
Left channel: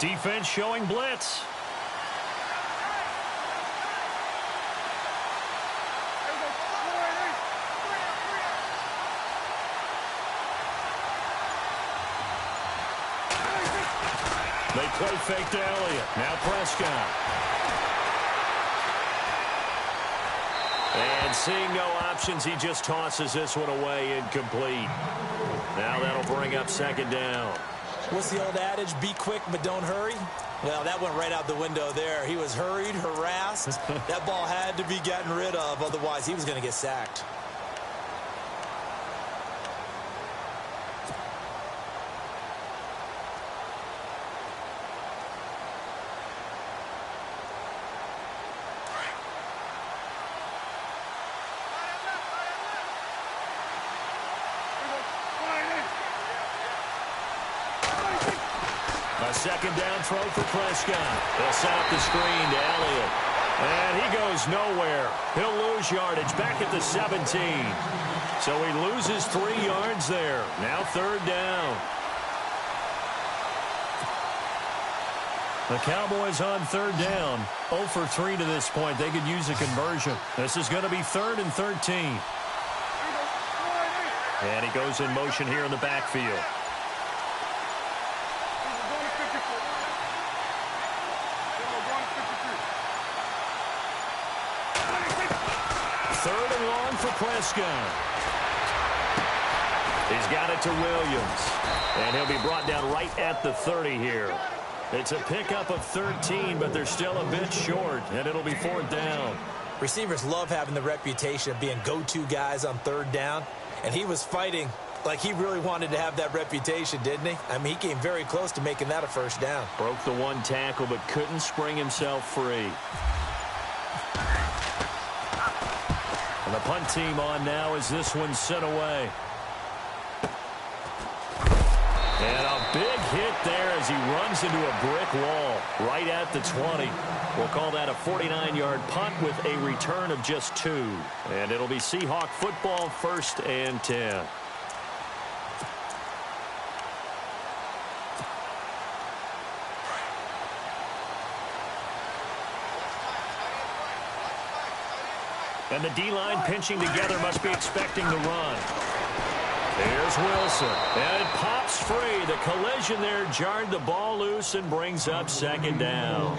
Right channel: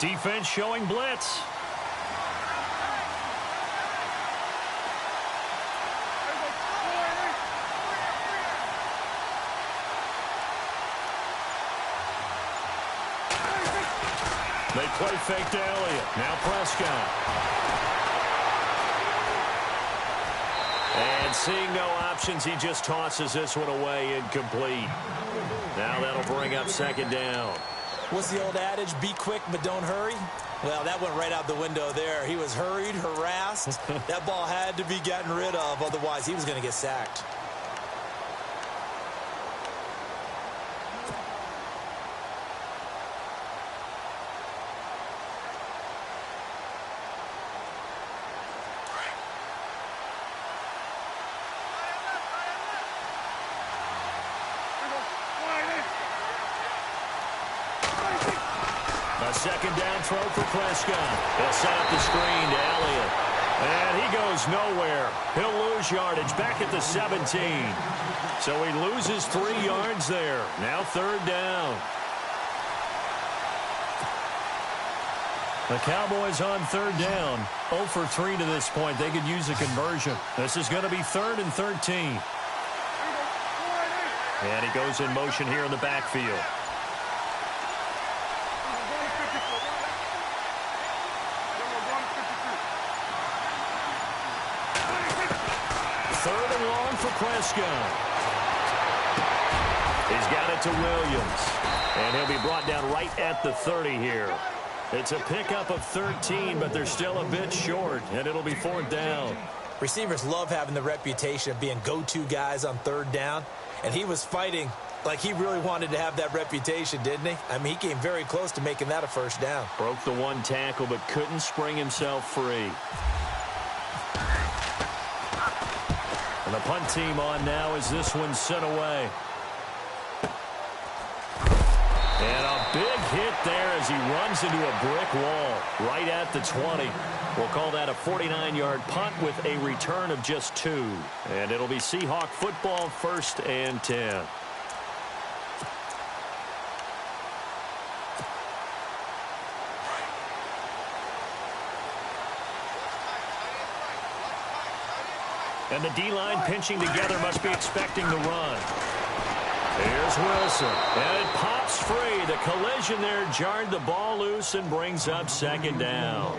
Defense showing blitz. They play fake to Elliott. Now Prescott. And seeing no options, he just tosses this one away incomplete. Now that'll bring up second down. What's the old adage? Be quick, but don't hurry. Well, that went right out the window there. He was hurried, harassed. That ball had to be gotten rid of. Otherwise, he was going to get sacked. Second down throw for Prescott. He'll set up the screen to Elliott. And he goes nowhere. He'll lose yardage back at the 17. So he loses 3 yards there. Now third down. The Cowboys on third down. 0 for 3 to this point. They could use a conversion. This is going to be 3rd and 13. And he goes in motion here in the backfield. Third and long for Prescott. He's got it to Williams. And he'll be brought down right at the 30 here. It's a pickup of 13, but they're still a bit short, and it'll be 4th down. Receivers love having the reputation of being go-to guys on third down, and he was fighting like he really wanted to have that reputation, didn't he? I mean, he came very close to making that a first down. Broke the one tackle, but couldn't spring himself free. And the punt team on now as this one's sent away. And a big hit there as he runs into a brick wall right at the 20. We'll call that a 49-yard punt with a return of just 2. And it'll be Seahawk football, 1st and 10. And the D-line pinching together must be expecting the run. Here's Wilson. And it pops free. The collision there jarred the ball loose and brings up second down.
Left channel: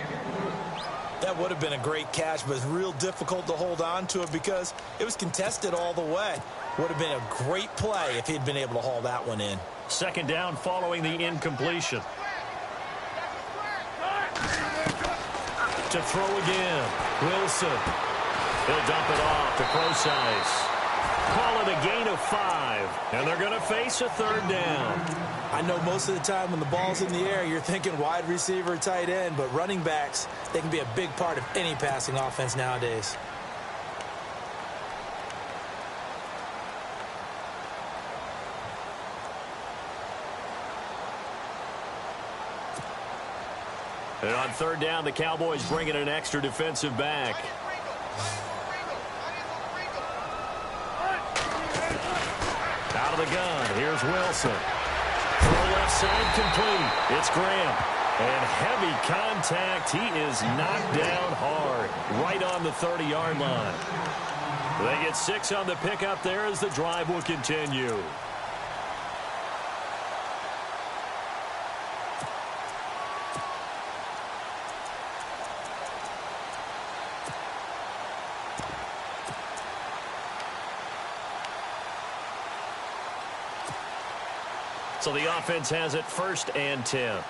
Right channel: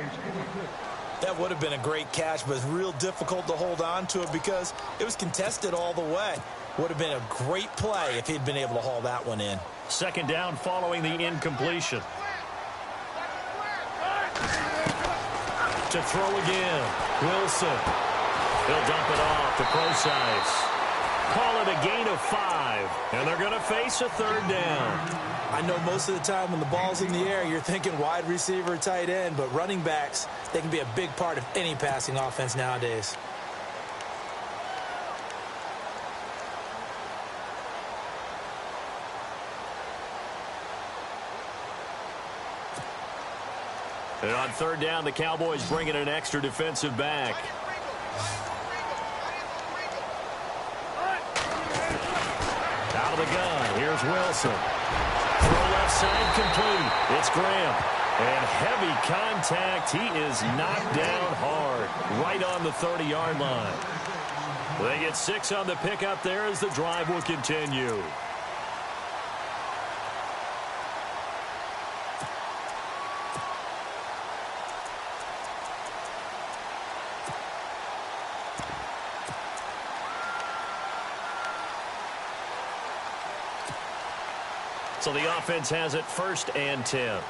That would have been a great catch, but it's real difficult to hold on to it because it was contested all the way. Would have been a great play if he'd been able to haul that one in. Second down following the incompletion. To throw again. Wilson. He'll dump it off to Procise. Call it a gain of 5. And they're going to face a third down. I know most of the time when the ball's in the air, you're thinking wide receiver, tight end, but running backs, they can be a big part of any passing offense nowadays. And on third down, the Cowboys bring in an extra defensive back. Out of the gun, here's Wilson. Throw left side complete. It's Graham. And heavy contact. He is knocked down hard. Right on the 30-yard line. They get 6 on the pickup there as the drive will continue. So the offense has it 1st and 10.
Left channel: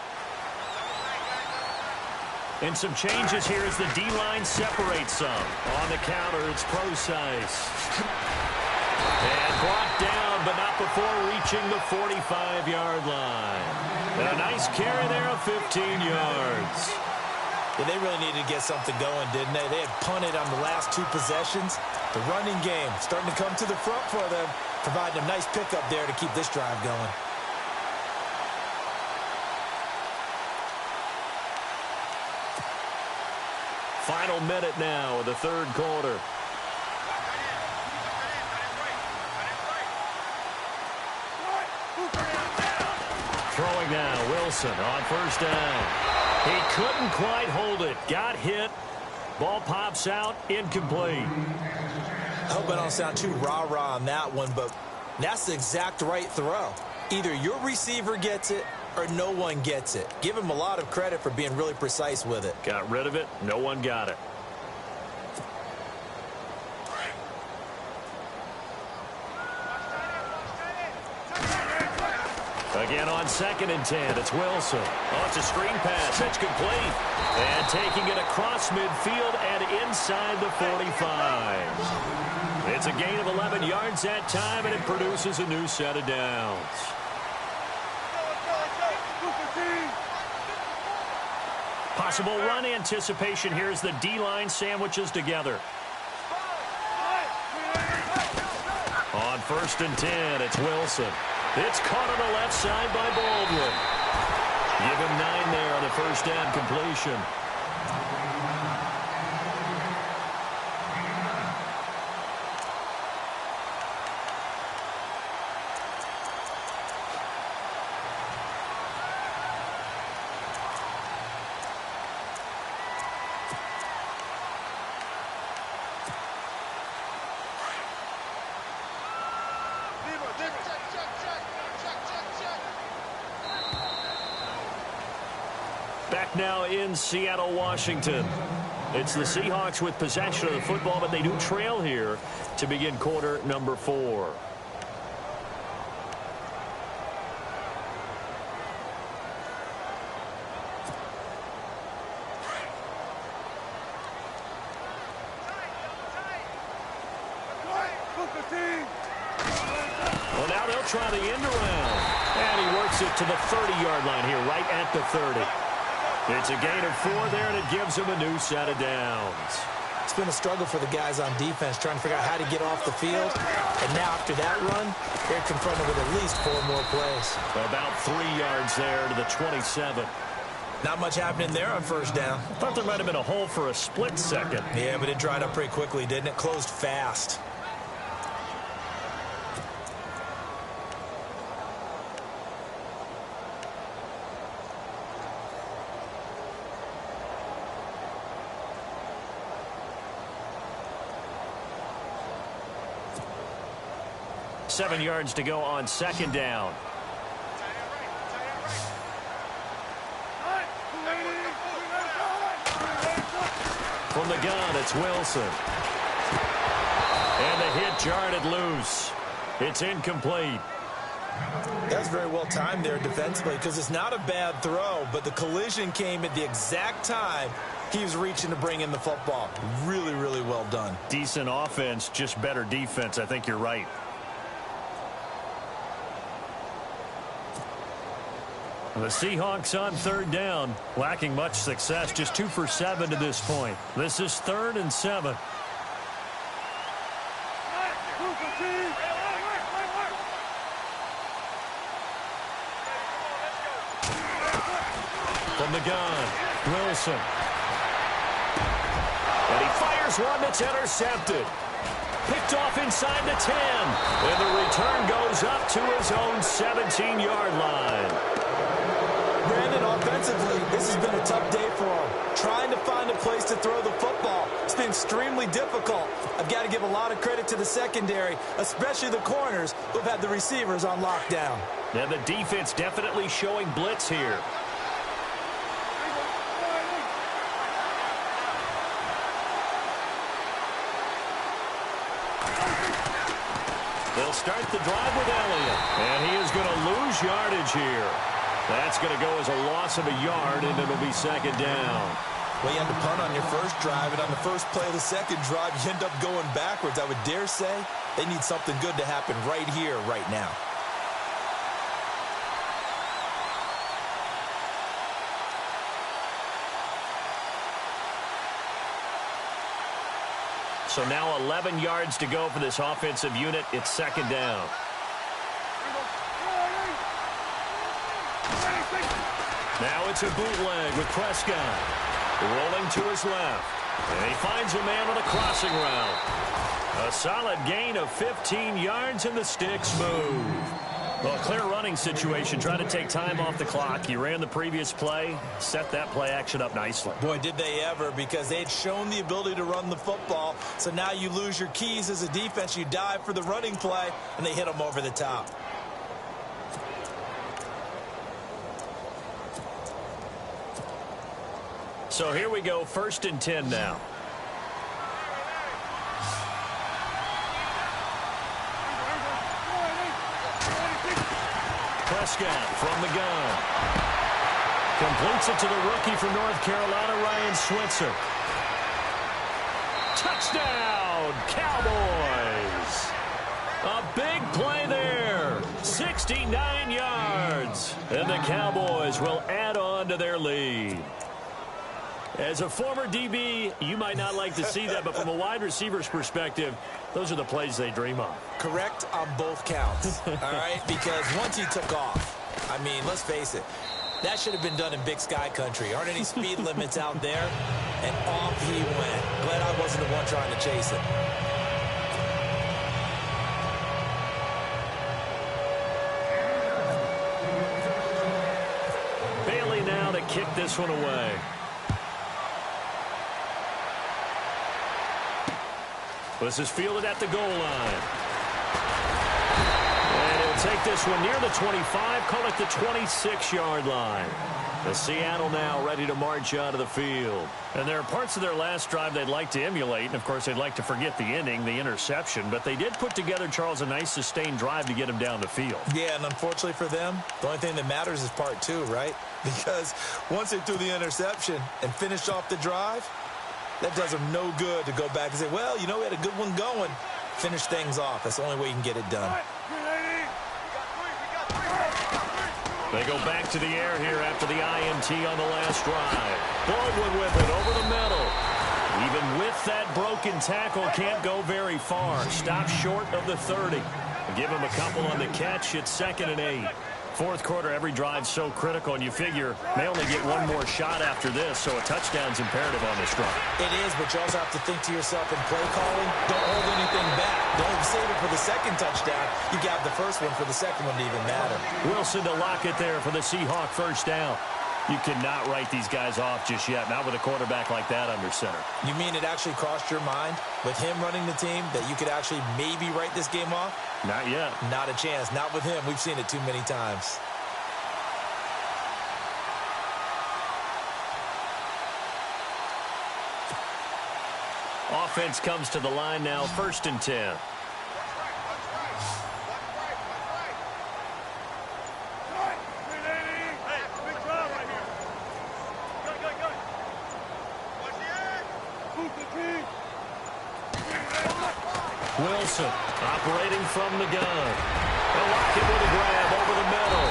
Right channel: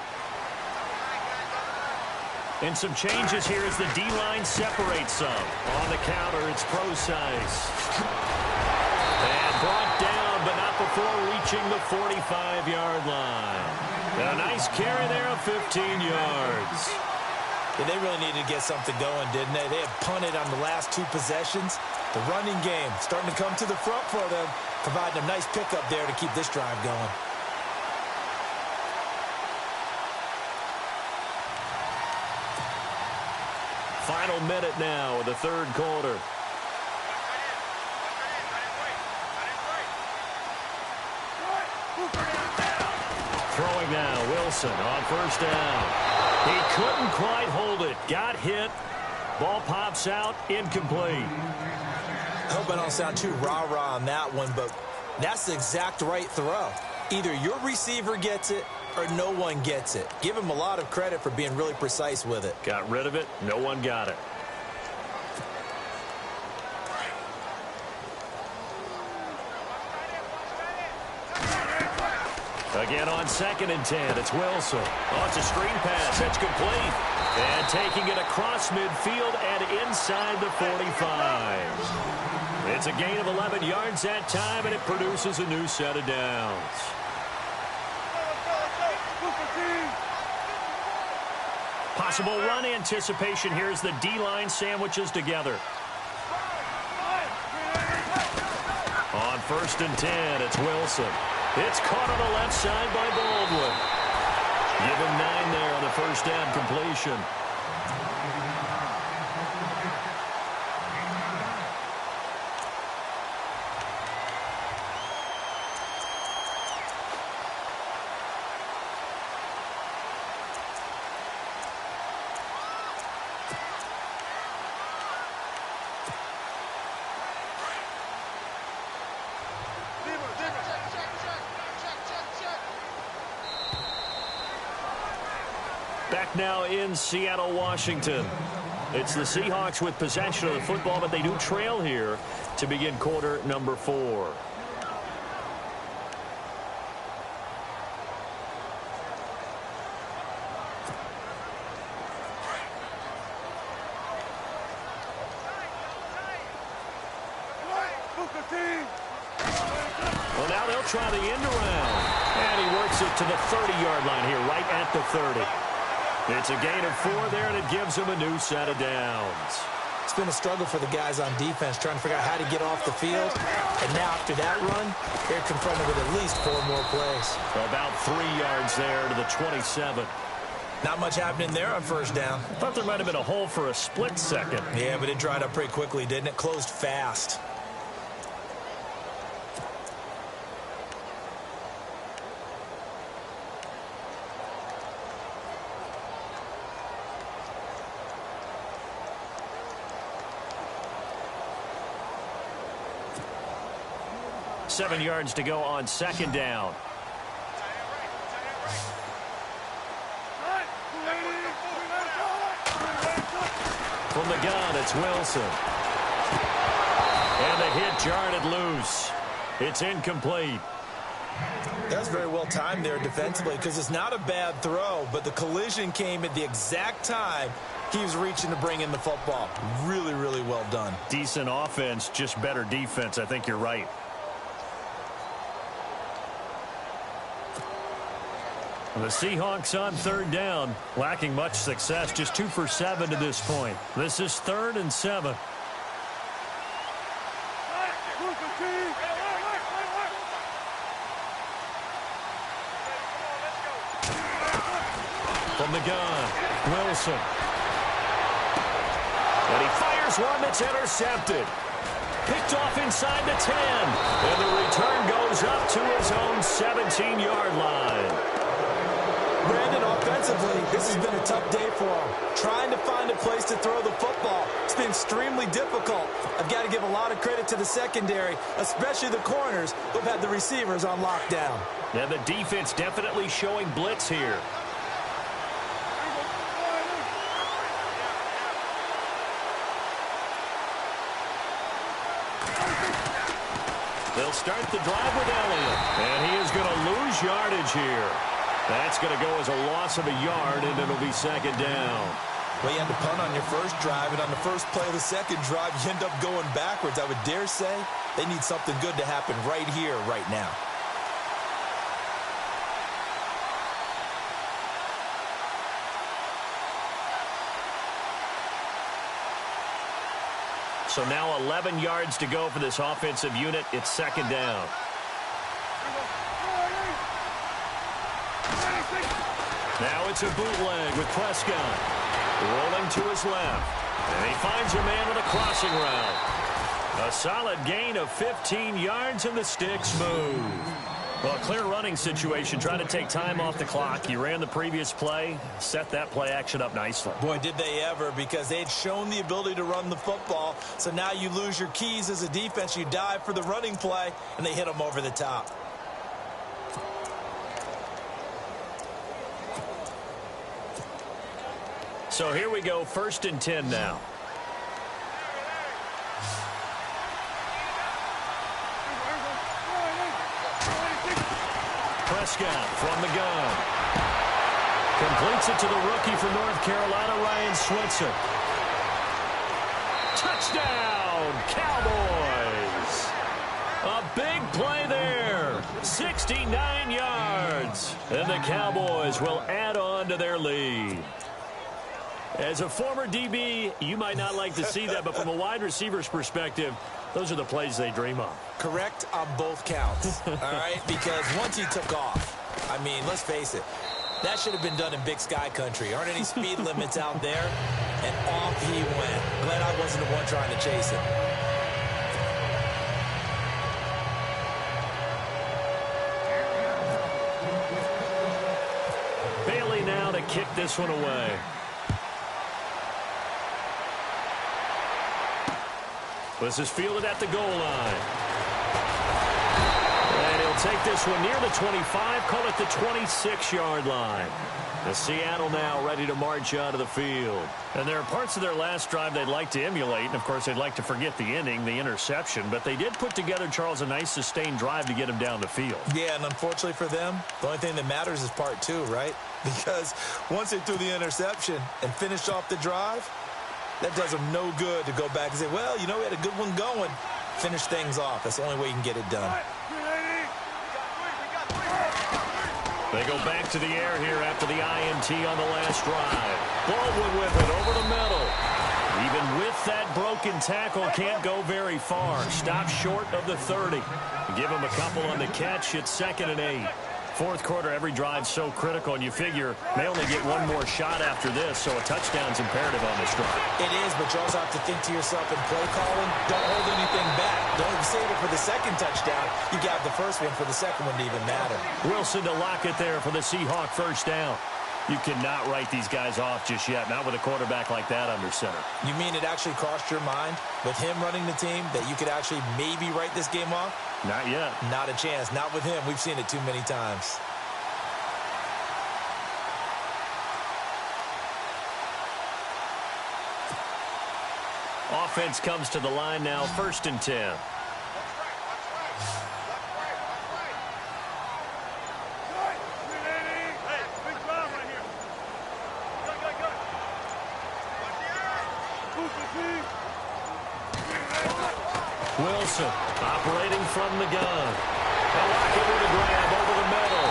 And some changes here as the D-line separates some. On the counter, it's Procise. And brought down, but not before reaching the 45-yard line. And a nice carry there of 15 yards. Yeah, they really needed to get something going, didn't they? They had punted on the last 2 possessions. The running game starting to come to the front for them, providing a nice pickup there to keep this drive going. Final minute now of the 3rd quarter. Throwing now, Wilson on 1st down. He couldn't quite hold it. Got hit. Ball pops out, incomplete. I hope I don't sound too rah-rah on that one, but that's the exact right throw. Either your receiver gets it or no one gets it. Give him a lot of credit for being really precise with it. Got rid of it. No one got it. Again on 2nd and 10, it's Wilson. Oh, it's a screen pass. It's complete. And taking it across midfield and inside the 45. It's a gain of 11 yards that time, and it produces a new set of downs. Possible run anticipation here as the D-line sandwiches together. On 1st and 10, it's Wilson. It's caught on the left side by Baldwin. Give him 9 there on the 1st down completion. Back now in Seattle, Washington. It's the Seahawks with possession of the football, but they do trail here to begin quarter number 4. Well, now they'll try the end around. And he works it to the 30-yard line here, right at the 30. It's a gain of 4 there, and it gives him a new set of downs. It's been a struggle for the guys on defense trying to figure out how to get off the field. And now after that run, they're confronted with at least 4 more plays. About 3 yards there to the 27. Not much happening there on 1st down. I thought there might have been a hole for a split second. Yeah, but it dried up pretty quickly, didn't it? Closed fast. Seven yards to go on 2nd down. From the gun, it's Wilson. And the hit jarred it loose. It's incomplete. That was very well timed there defensively because it's not a bad throw, but the collision came at the exact time he was reaching to bring in the football. Really, really well done. Decent offense, just better defense. I think you're right. The Seahawks on 3rd down, lacking much success, just 2 for 7 to this point. This is 3rd and 7. From the gun, Wilson. And he fires one that's intercepted. Picked off inside the 10. And the return goes up to his own 17-yard line. Brandon, offensively, this has been a tough day for him. Trying to find a place to throw the football. It's been extremely difficult. I've got to give a lot of credit to the secondary, especially the corners who've had the receivers on lockdown. Now the defense definitely showing blitz here. They'll start the drive with Elliott. And he is going to lose yardage here. That's going to go as a loss of a yard, and it'll be second down. Well, you had to punt on your first drive, and on the first play of the second drive, you end up going backwards. I would dare say they need something good to happen right here, right now. So now 11 yards to go for this offensive unit. It's second down. Now it's a bootleg with Prescott. Rolling to his left. And he finds a man with a crossing route. A solid gain of 15 yards, and the sticks move. Well, a clear running situation. Trying to take time off the clock. He ran the previous play. Set that play action up nicely. Boy, did they ever, because they had shown the ability to run the football. So now you lose your keys as a defense. You dive for the running play, and they hit them over the top. So here we go, 1st and 10 now. Prescott from the gun. Completes it to the rookie from North Carolina, Ryan Switzer. Touchdown, Cowboys. A big play there. 69 yards. And the Cowboys will add on to their lead. As a former DB, you might not like to see that, but from a wide receiver's perspective, those are the plays they dream of. Correct on both counts, all right? Because once he took off, I mean, let's face it, that should have been done in Big Sky country. Aren't any speed limits out there? And off he went. Glad I wasn't the one trying to chase him. Bailey now to kick this one away. This is fielded at the goal line. And he'll take this one near the 25, call it the 26-yard line. The Seattle now ready to march out of the field. And there are parts of their last drive they'd like to emulate, and of course they'd like to forget the ending, the interception, but they did put together, Charles, a nice sustained drive to get him down the field. Yeah, and unfortunately for them, the only thing that matters is part 2, right? Because once they threw the interception and finished off the drive, that does them no good to go back and say, well, you know, we had a good one going. Finish things off. That's the only way you can get it done. They go back to the air here after the INT on the last drive. Baldwin with it over the middle. Even with that broken tackle, can't go very far. Stop short of the 30. Give him a couple on the catch. It's 2nd and 8. Fourth quarter, every drive's so critical, and you figure they only get one more shot after this, so a touchdown's imperative on this drive. It is, but you also have to think to yourself in play calling, don't hold anything back. Don't save it for the second touchdown. You got the first one for the second one to even matter. Wilson to lock it there for the Seahawk first down. You cannot write these guys off just yet, not with a quarterback like that under center. You mean it actually crossed your mind with him running the team that you could actually maybe write this game off? Not yet. Not a chance. Not with him. We've seen it too many times. Offense comes to the line now, 1st and 10. Wilson operating from the gun. They'll lock it with a grab over the middle.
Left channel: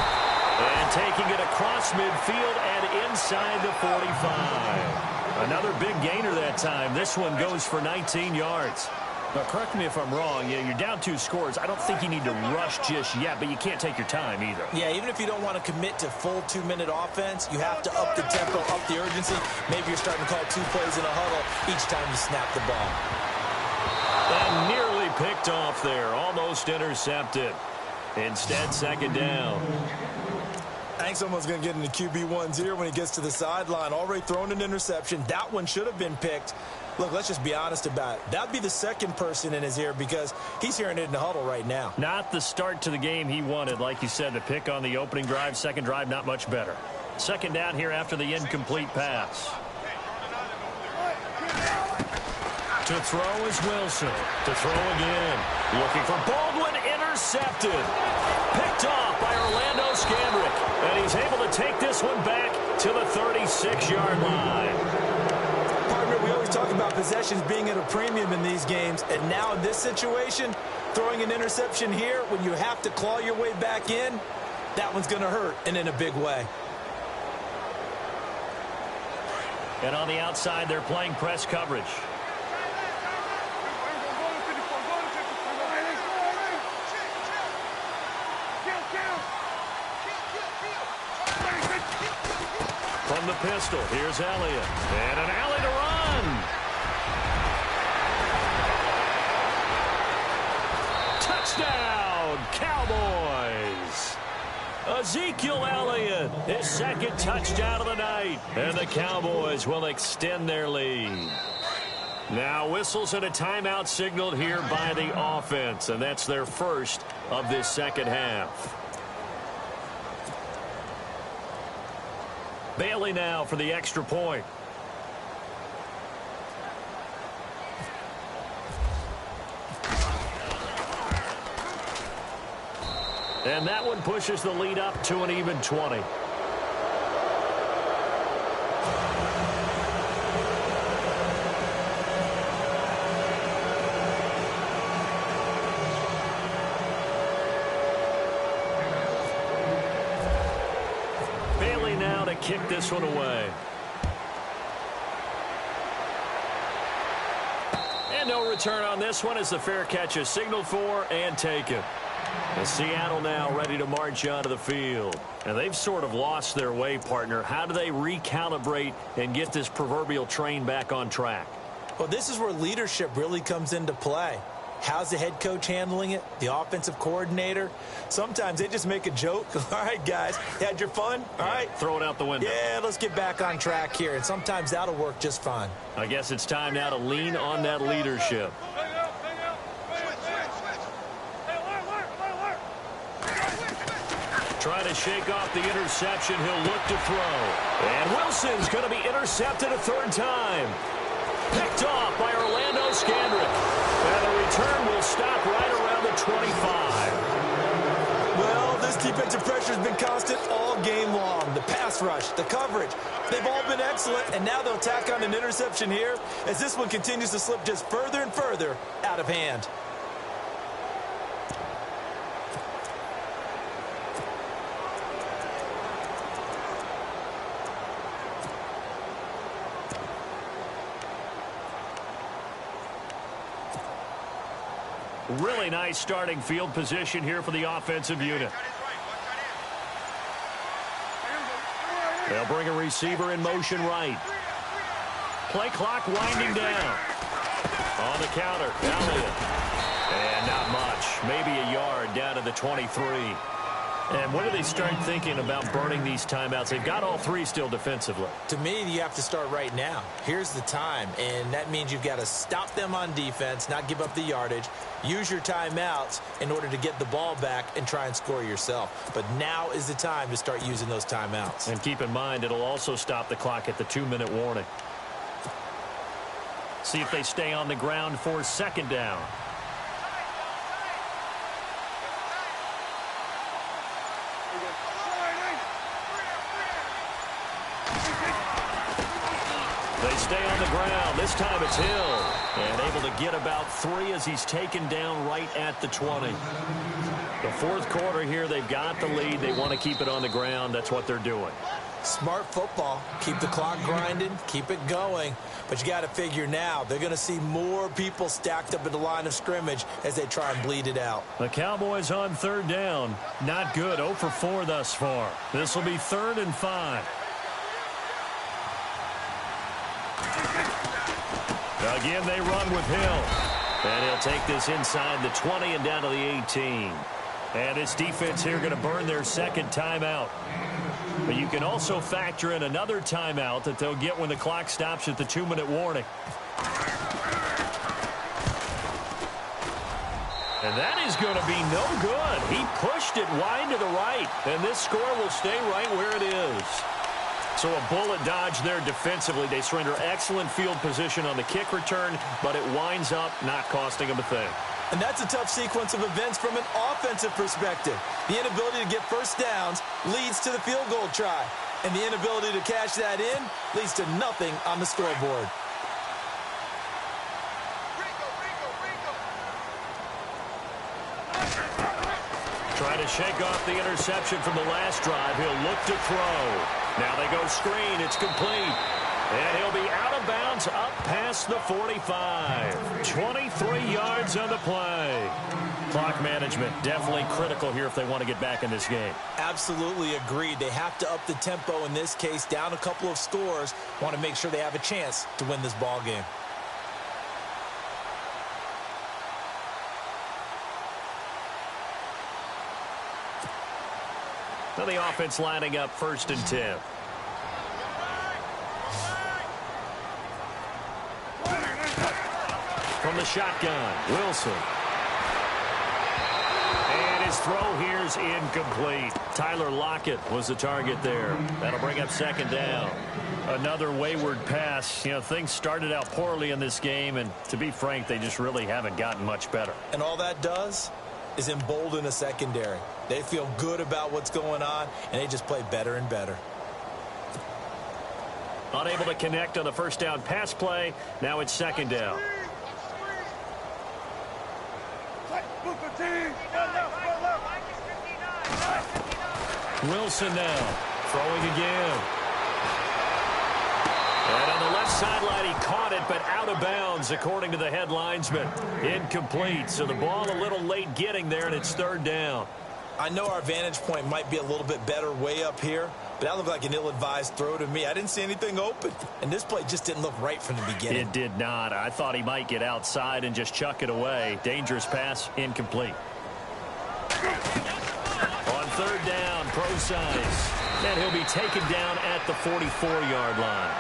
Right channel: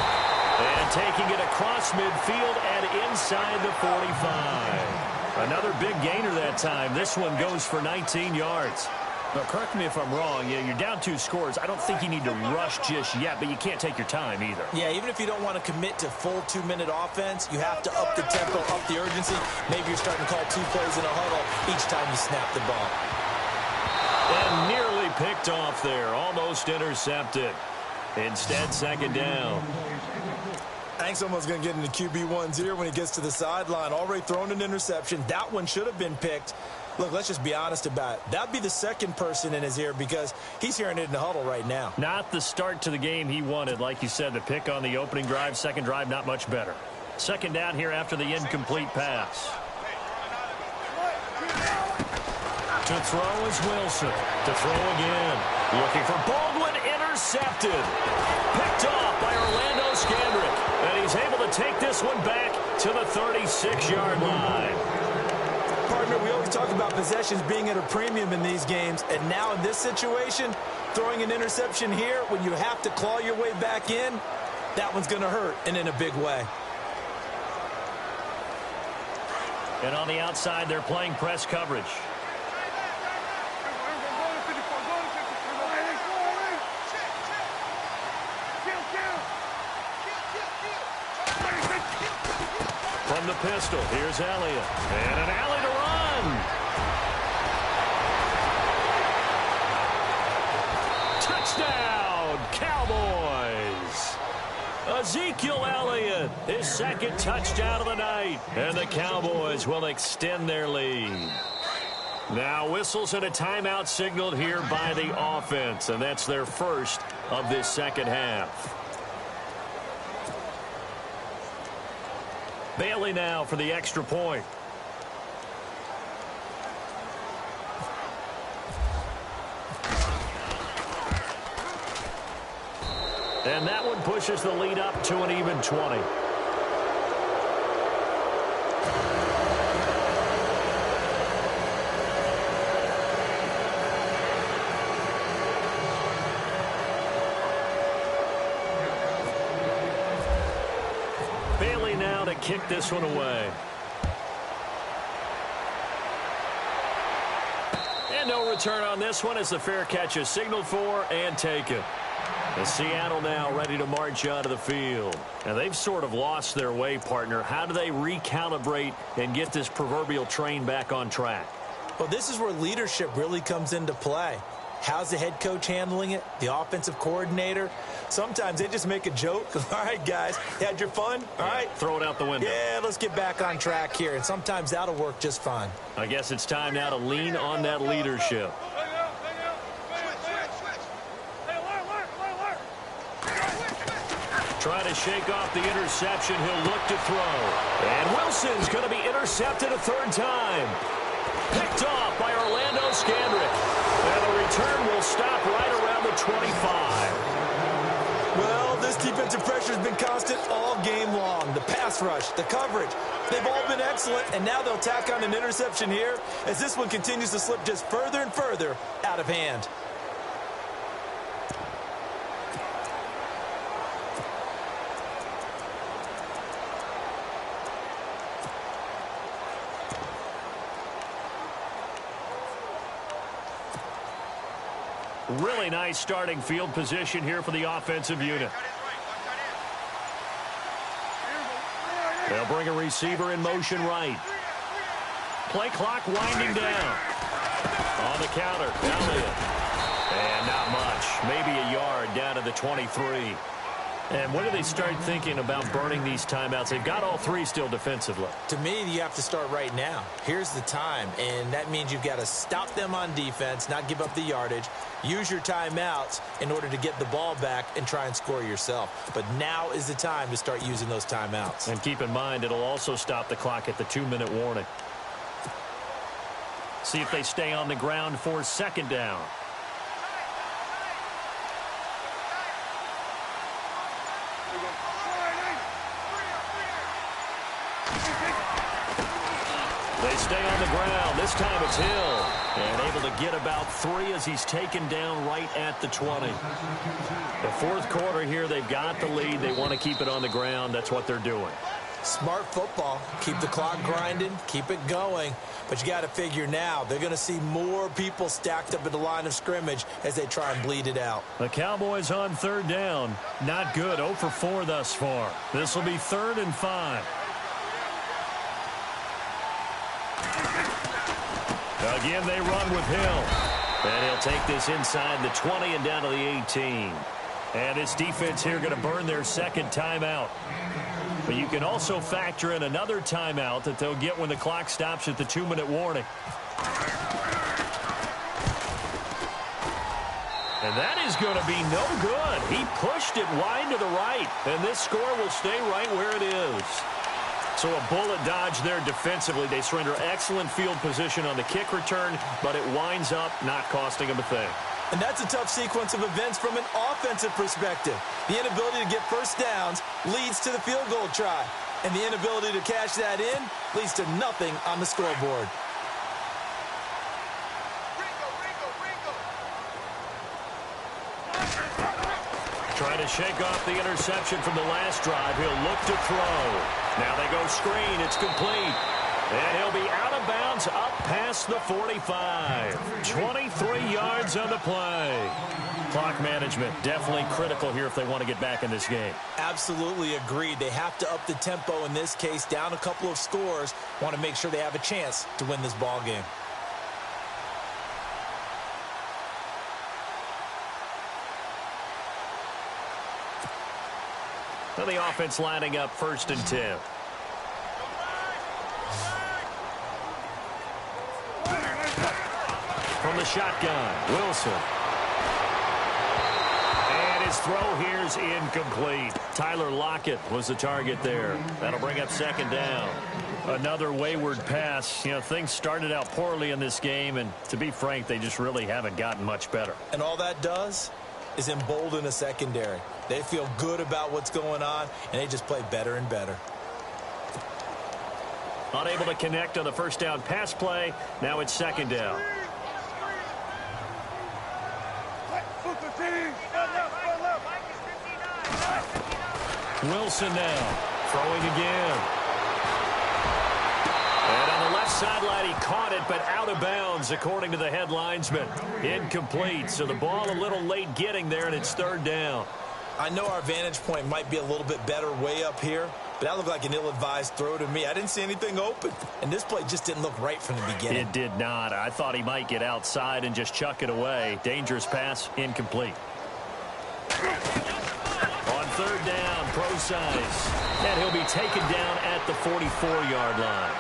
And taking it across midfield and inside the 45. Another big gainer that time. This one goes for 19 yards. Now, correct me if I'm wrong. Yeah, you're down 2 scores. I don't think you need to rush just yet, but you can't take your time either. Yeah, even if you don't want to commit to full 2-minute offense, you have to up the tempo, up the urgency. Maybe you're starting to call 2 plays in a huddle each time you snap the ball. And nearly picked off there. Almost intercepted. Instead, 2nd down. I think someone's going to get into QB1's ear when he gets to the sideline. Already thrown an interception. That one should have been picked. Look, let's just be honest about it. That'd be the second person in his ear because he's hearing it in the huddle right now. Not the start to the game he wanted. Like you said, the pick on the opening drive, second drive, not much better. 2nd down here after the incomplete pass. To throw is Wilson. To throw again. Looking for Baldwin. intercepted. Picked off by Orlando Scandrick. And he's able to take this one back to the 36-yard line. Partner, we always talk about possessions being at a premium in these games. And now in this situation, throwing an interception here when you have to claw your way back in, that one's going to hurt, and in a big way. And on the outside, they're playing press coverage. From the pistol, here's Elliott. And an alley to run. Touchdown, Cowboys. Ezekiel Elliott, his second touchdown of the night. And the Cowboys will extend their lead. Now whistles and a timeout signaled here by the offense. And that's their first of this second half. Bailey now for the extra point. And that one pushes the lead up to an even 20. Bailey now to kick this one away. And no return on this one as the fair catch is signaled for and taken. And Seattle now ready to march onto the field. And they've sort of lost their way, partner. How do they recalibrate and get this proverbial train back on track? Well, this is where leadership really comes into play. How's the head coach handling it? The offensive coordinator? Sometimes they just make a joke. All right, guys, had your fun? All right. Throw it out the window. Yeah, let's get back on track here. And sometimes that'll work just fine. I guess it's time now to lean on that leadership. Trying to shake off the interception. He'll look to throw. And Wilson's going to be intercepted a third time. Picked off by Orlando Scandrick. And the return will stop right around the 25. Well, this defensive pressure has been constant all game long. The pass rush, the coverage, they've all been excellent. And now they'll tack on an interception here as this one continues to slip just further and further out of hand. Really nice starting field position here for the offensive unit. They'll bring a receiver in motion right. Play clock winding down. On the counter, Elliott. And not much. Maybe a yard down to the 23. And when do they start thinking about burning these timeouts? They've got all three still defensively. To me, you have to start right now. Here's the time, and that means you've got to stop them on defense, not give up the yardage, use your timeouts in order to get the ball back and try and score yourself. But now is the time to start using those timeouts. And keep in mind, it'll also stop the clock at the 2-minute warning. See if they stay on the ground for second down. They stay on the ground. This time it's Hill. And able to get about 3 as he's taken down right at the 20. The fourth quarter here, they've got the lead. They want to keep it on the ground. That's what they're doing. Smart football. Keep the clock grinding. Keep it going. But you got to figure now, they're going to see more people stacked up at the line of scrimmage as they try and bleed it out. The Cowboys on third down. Not good. 0 for 4 thus far. This will be 3rd and 5. Again, they run with Hill. And he'll take this inside the 20 and down to the 18. And this defense here going to burn their second timeout. But you can also factor in another timeout that they'll get when the clock stops at the 2-minute warning. And that is going to be no good. He pushed it wide to the right. And this score will stay right where it is. So a bullet dodge there defensively. They surrender excellent field position on the kick return, but it winds up not costing them a thing. And that's a tough sequence of events from an offensive perspective. The inability to get first downs leads to the field goal try. And the inability to cash that in leads to nothing on the scoreboard. Trying to shake off the interception from the last drive. He'll look to throw. Now they go screen. It's complete. And he'll be out of bounds up past the 45. 23 yards on the play. Clock management definitely critical here if they want to get back in this game. Absolutely agreed. They have to up the tempo in this case, down a couple of scores. Want to make sure they have a chance to win this ball game. Now the offense lining up 1st and 10. From the shotgun, Wilson. And his throw here's incomplete. Tyler Lockett was the target there. That'll bring up 2nd down. Another wayward pass. You know, things started out poorly in this game, and to be frank, they just really haven't gotten much better. And all that does is embolden a secondary. They feel good about what's going on, and they just play better and better. Unable to connect on the 1st down pass play. Now it's 2nd down. Wilson now throwing again. And on the left sideline, he caught it, but out of bounds, according to the head linesman. Incomplete, so the ball a little late getting there, and it's 3rd down. I know our vantage point might be a little bit better way up here, but that looked like an ill-advised throw to me. I didn't see anything open, and this play just didn't look right from the beginning. It did not. I thought he might get outside and just chuck it away. Dangerous pass, incomplete. On 3rd down, Procise, and he'll be taken down at the 44-yard line.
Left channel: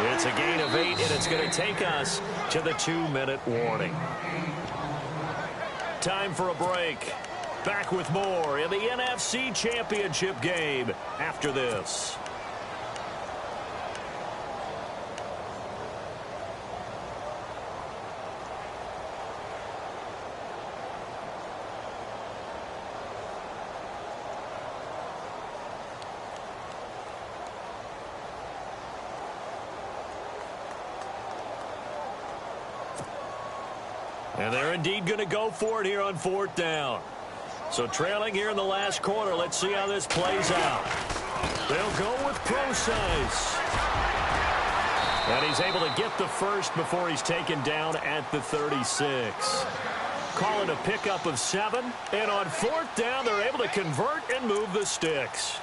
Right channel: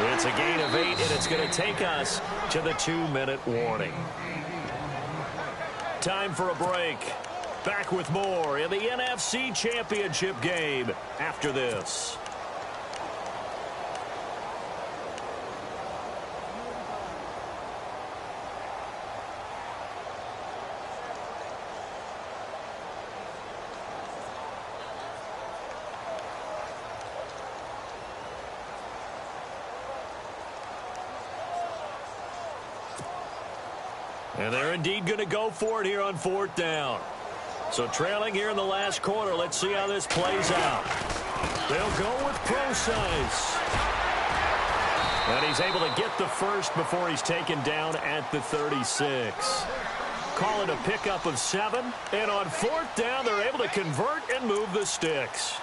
It's a gain of 8, and it's going to take us to the 2-minute warning. Time for a break. Back with more in the NFC Championship game after this. And they're indeed going to go for it here on 4th down. So trailing here in the last quarter. Let's see how this plays out. They'll go with Procise. And he's able to get the first before he's taken down at the 36. Call it a pickup of 7. And on 4th down, they're able to convert and move the sticks.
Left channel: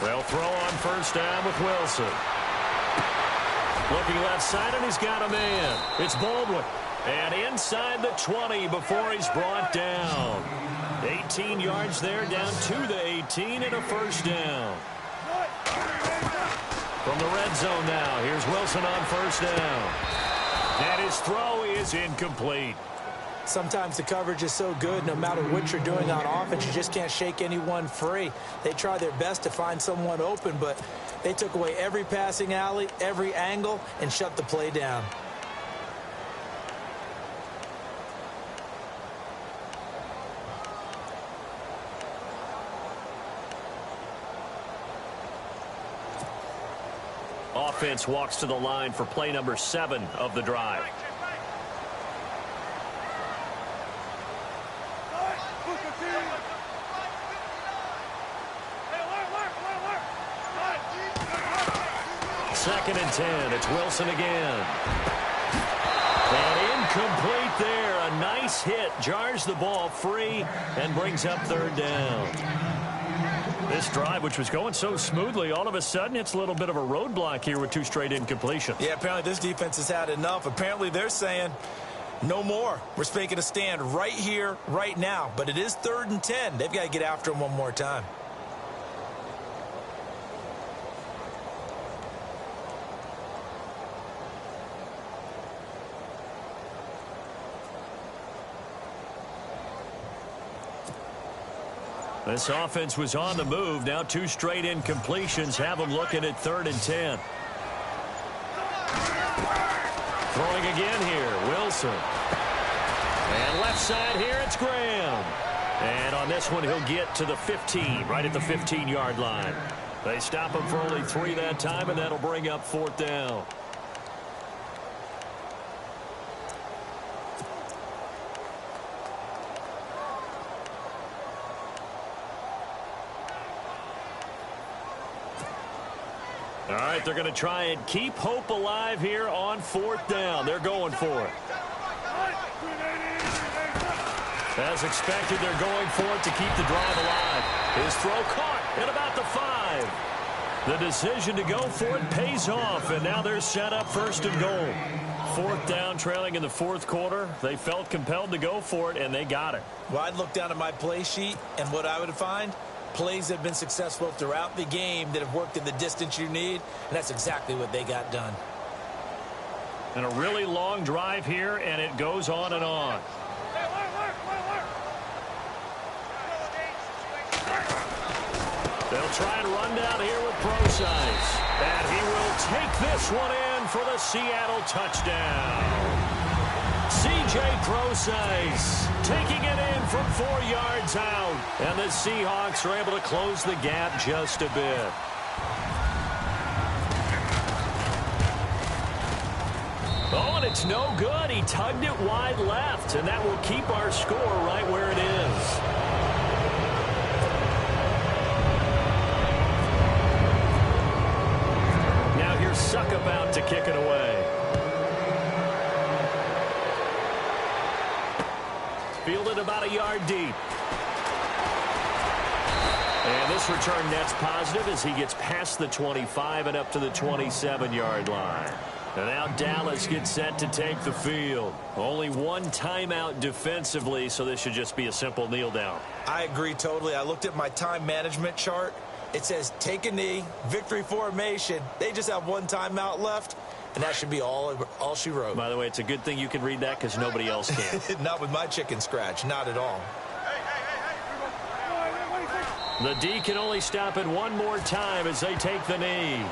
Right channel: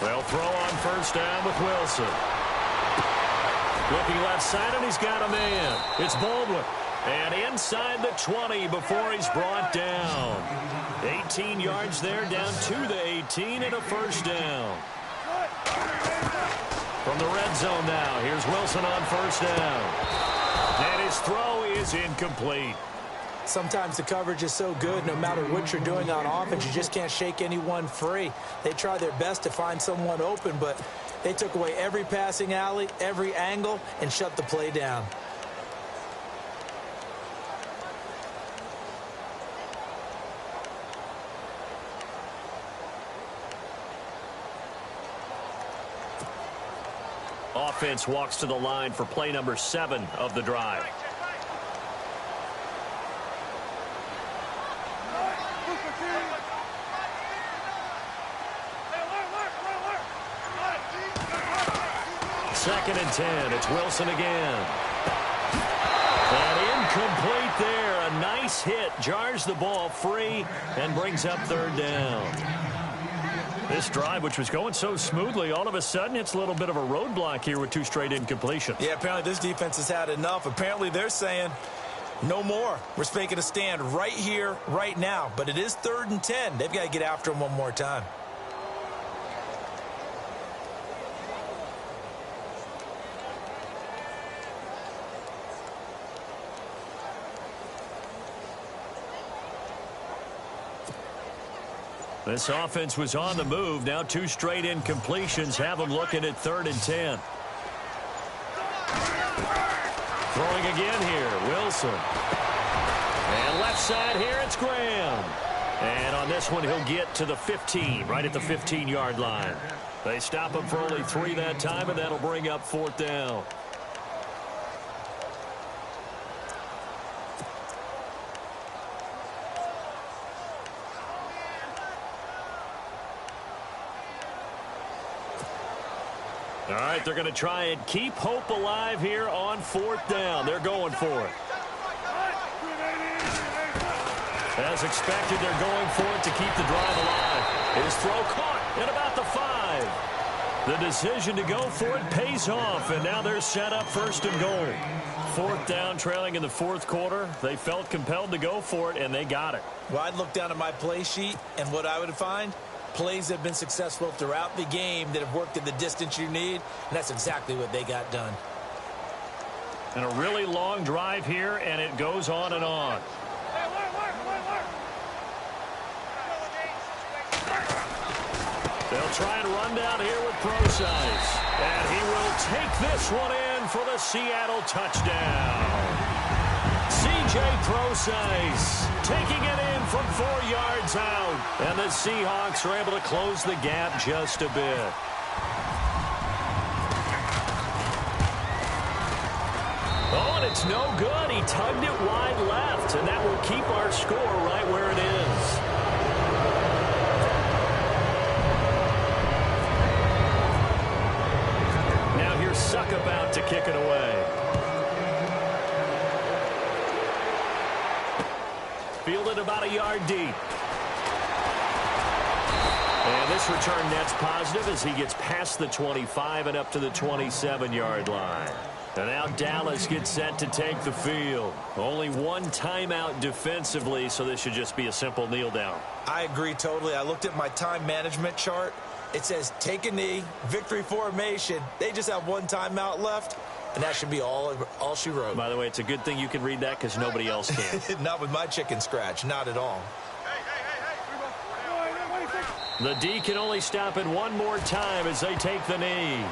They'll throw on 1st down with Wilson. Looking left side, and he's got a man. It's Baldwin. And inside the 20 before he's brought down. 18 yards there, down to the 18, and a 1st down. From the red zone now, here's Wilson on 1st down. And his throw is incomplete. Sometimes the coverage is so good, no matter what you're doing on offense, you just can't shake anyone free. They try their best to find someone open, but they took away every passing alley, every angle, and shut the play down. Offense walks to the line for play number 7 of the drive. Second and 10. It's Wilson again. And incomplete there. A nice hit. Jars the ball free and brings up 3rd down. This drive, which was going so smoothly, all of a sudden it's a little bit of a roadblock here with 2 straight incompletions. Yeah, apparently this defense has had enough. Apparently they're saying, No more. We're making a stand right here, right now. But it is 3rd and 10. They've got to get after him one more time. This offense was on the move. Now 2 straight incompletions have them looking at 3rd and 10. Throwing again here, Wilson. And left side here, it's Graham. And on this one, he'll get to the 15, right at the 15-yard line. They stop him for only 3 that time, and that'll bring up 4th down. All right, they're going to try and keep hope alive here on 4th down. They're going for it. As expected, they're going for it to keep the drive alive. His throw caught at about the 5. The decision to go for it pays off, and now they're set up 1st and goal. 4th down, trailing in the 4th quarter. They felt compelled to go for it, and they got it. Well, I'd look down at my play sheet, and what I would find, plays that have been successful throughout the game that have worked in the distance you need, and that's exactly what they got done. And a really long drive here, and it goes on and on. They'll try and run down here with Procise. And he will take this one in for the Seattle touchdown. C.J. Procise taking it in from 4 yards out. And the Seahawks are able to close the gap just a bit. Oh, and it's no good. He tugged it wide left, and that will keep our score right where it is. Now here's Suck about to kick it away. Fielded about a yard deep. And this return net's positive as he gets past the 25 and up to the 27-yard line. And now Dallas gets set to take the field. Only 1 timeout defensively, so this should just be a simple kneel down. I agree totally. I looked at my time management chart. It says take a knee, victory formation. They just have 1 timeout left, and that should be all she wrote. By the way, it's a good thing you can read that because nobody else can. Not with my chicken scratch. Not at all. The D can only stop it 1 more time as they take the knee.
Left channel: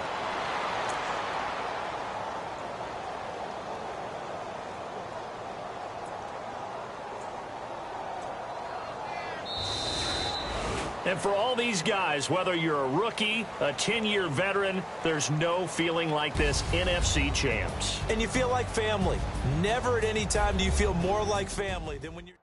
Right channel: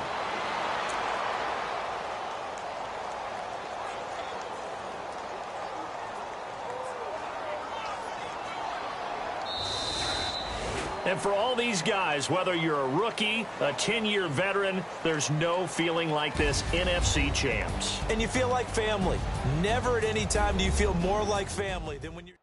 And for all these guys, whether you're a rookie, a 10-year veteran, there's no feeling like this NFC champs. And you feel like family. Never at any time do you feel more like family than when you're...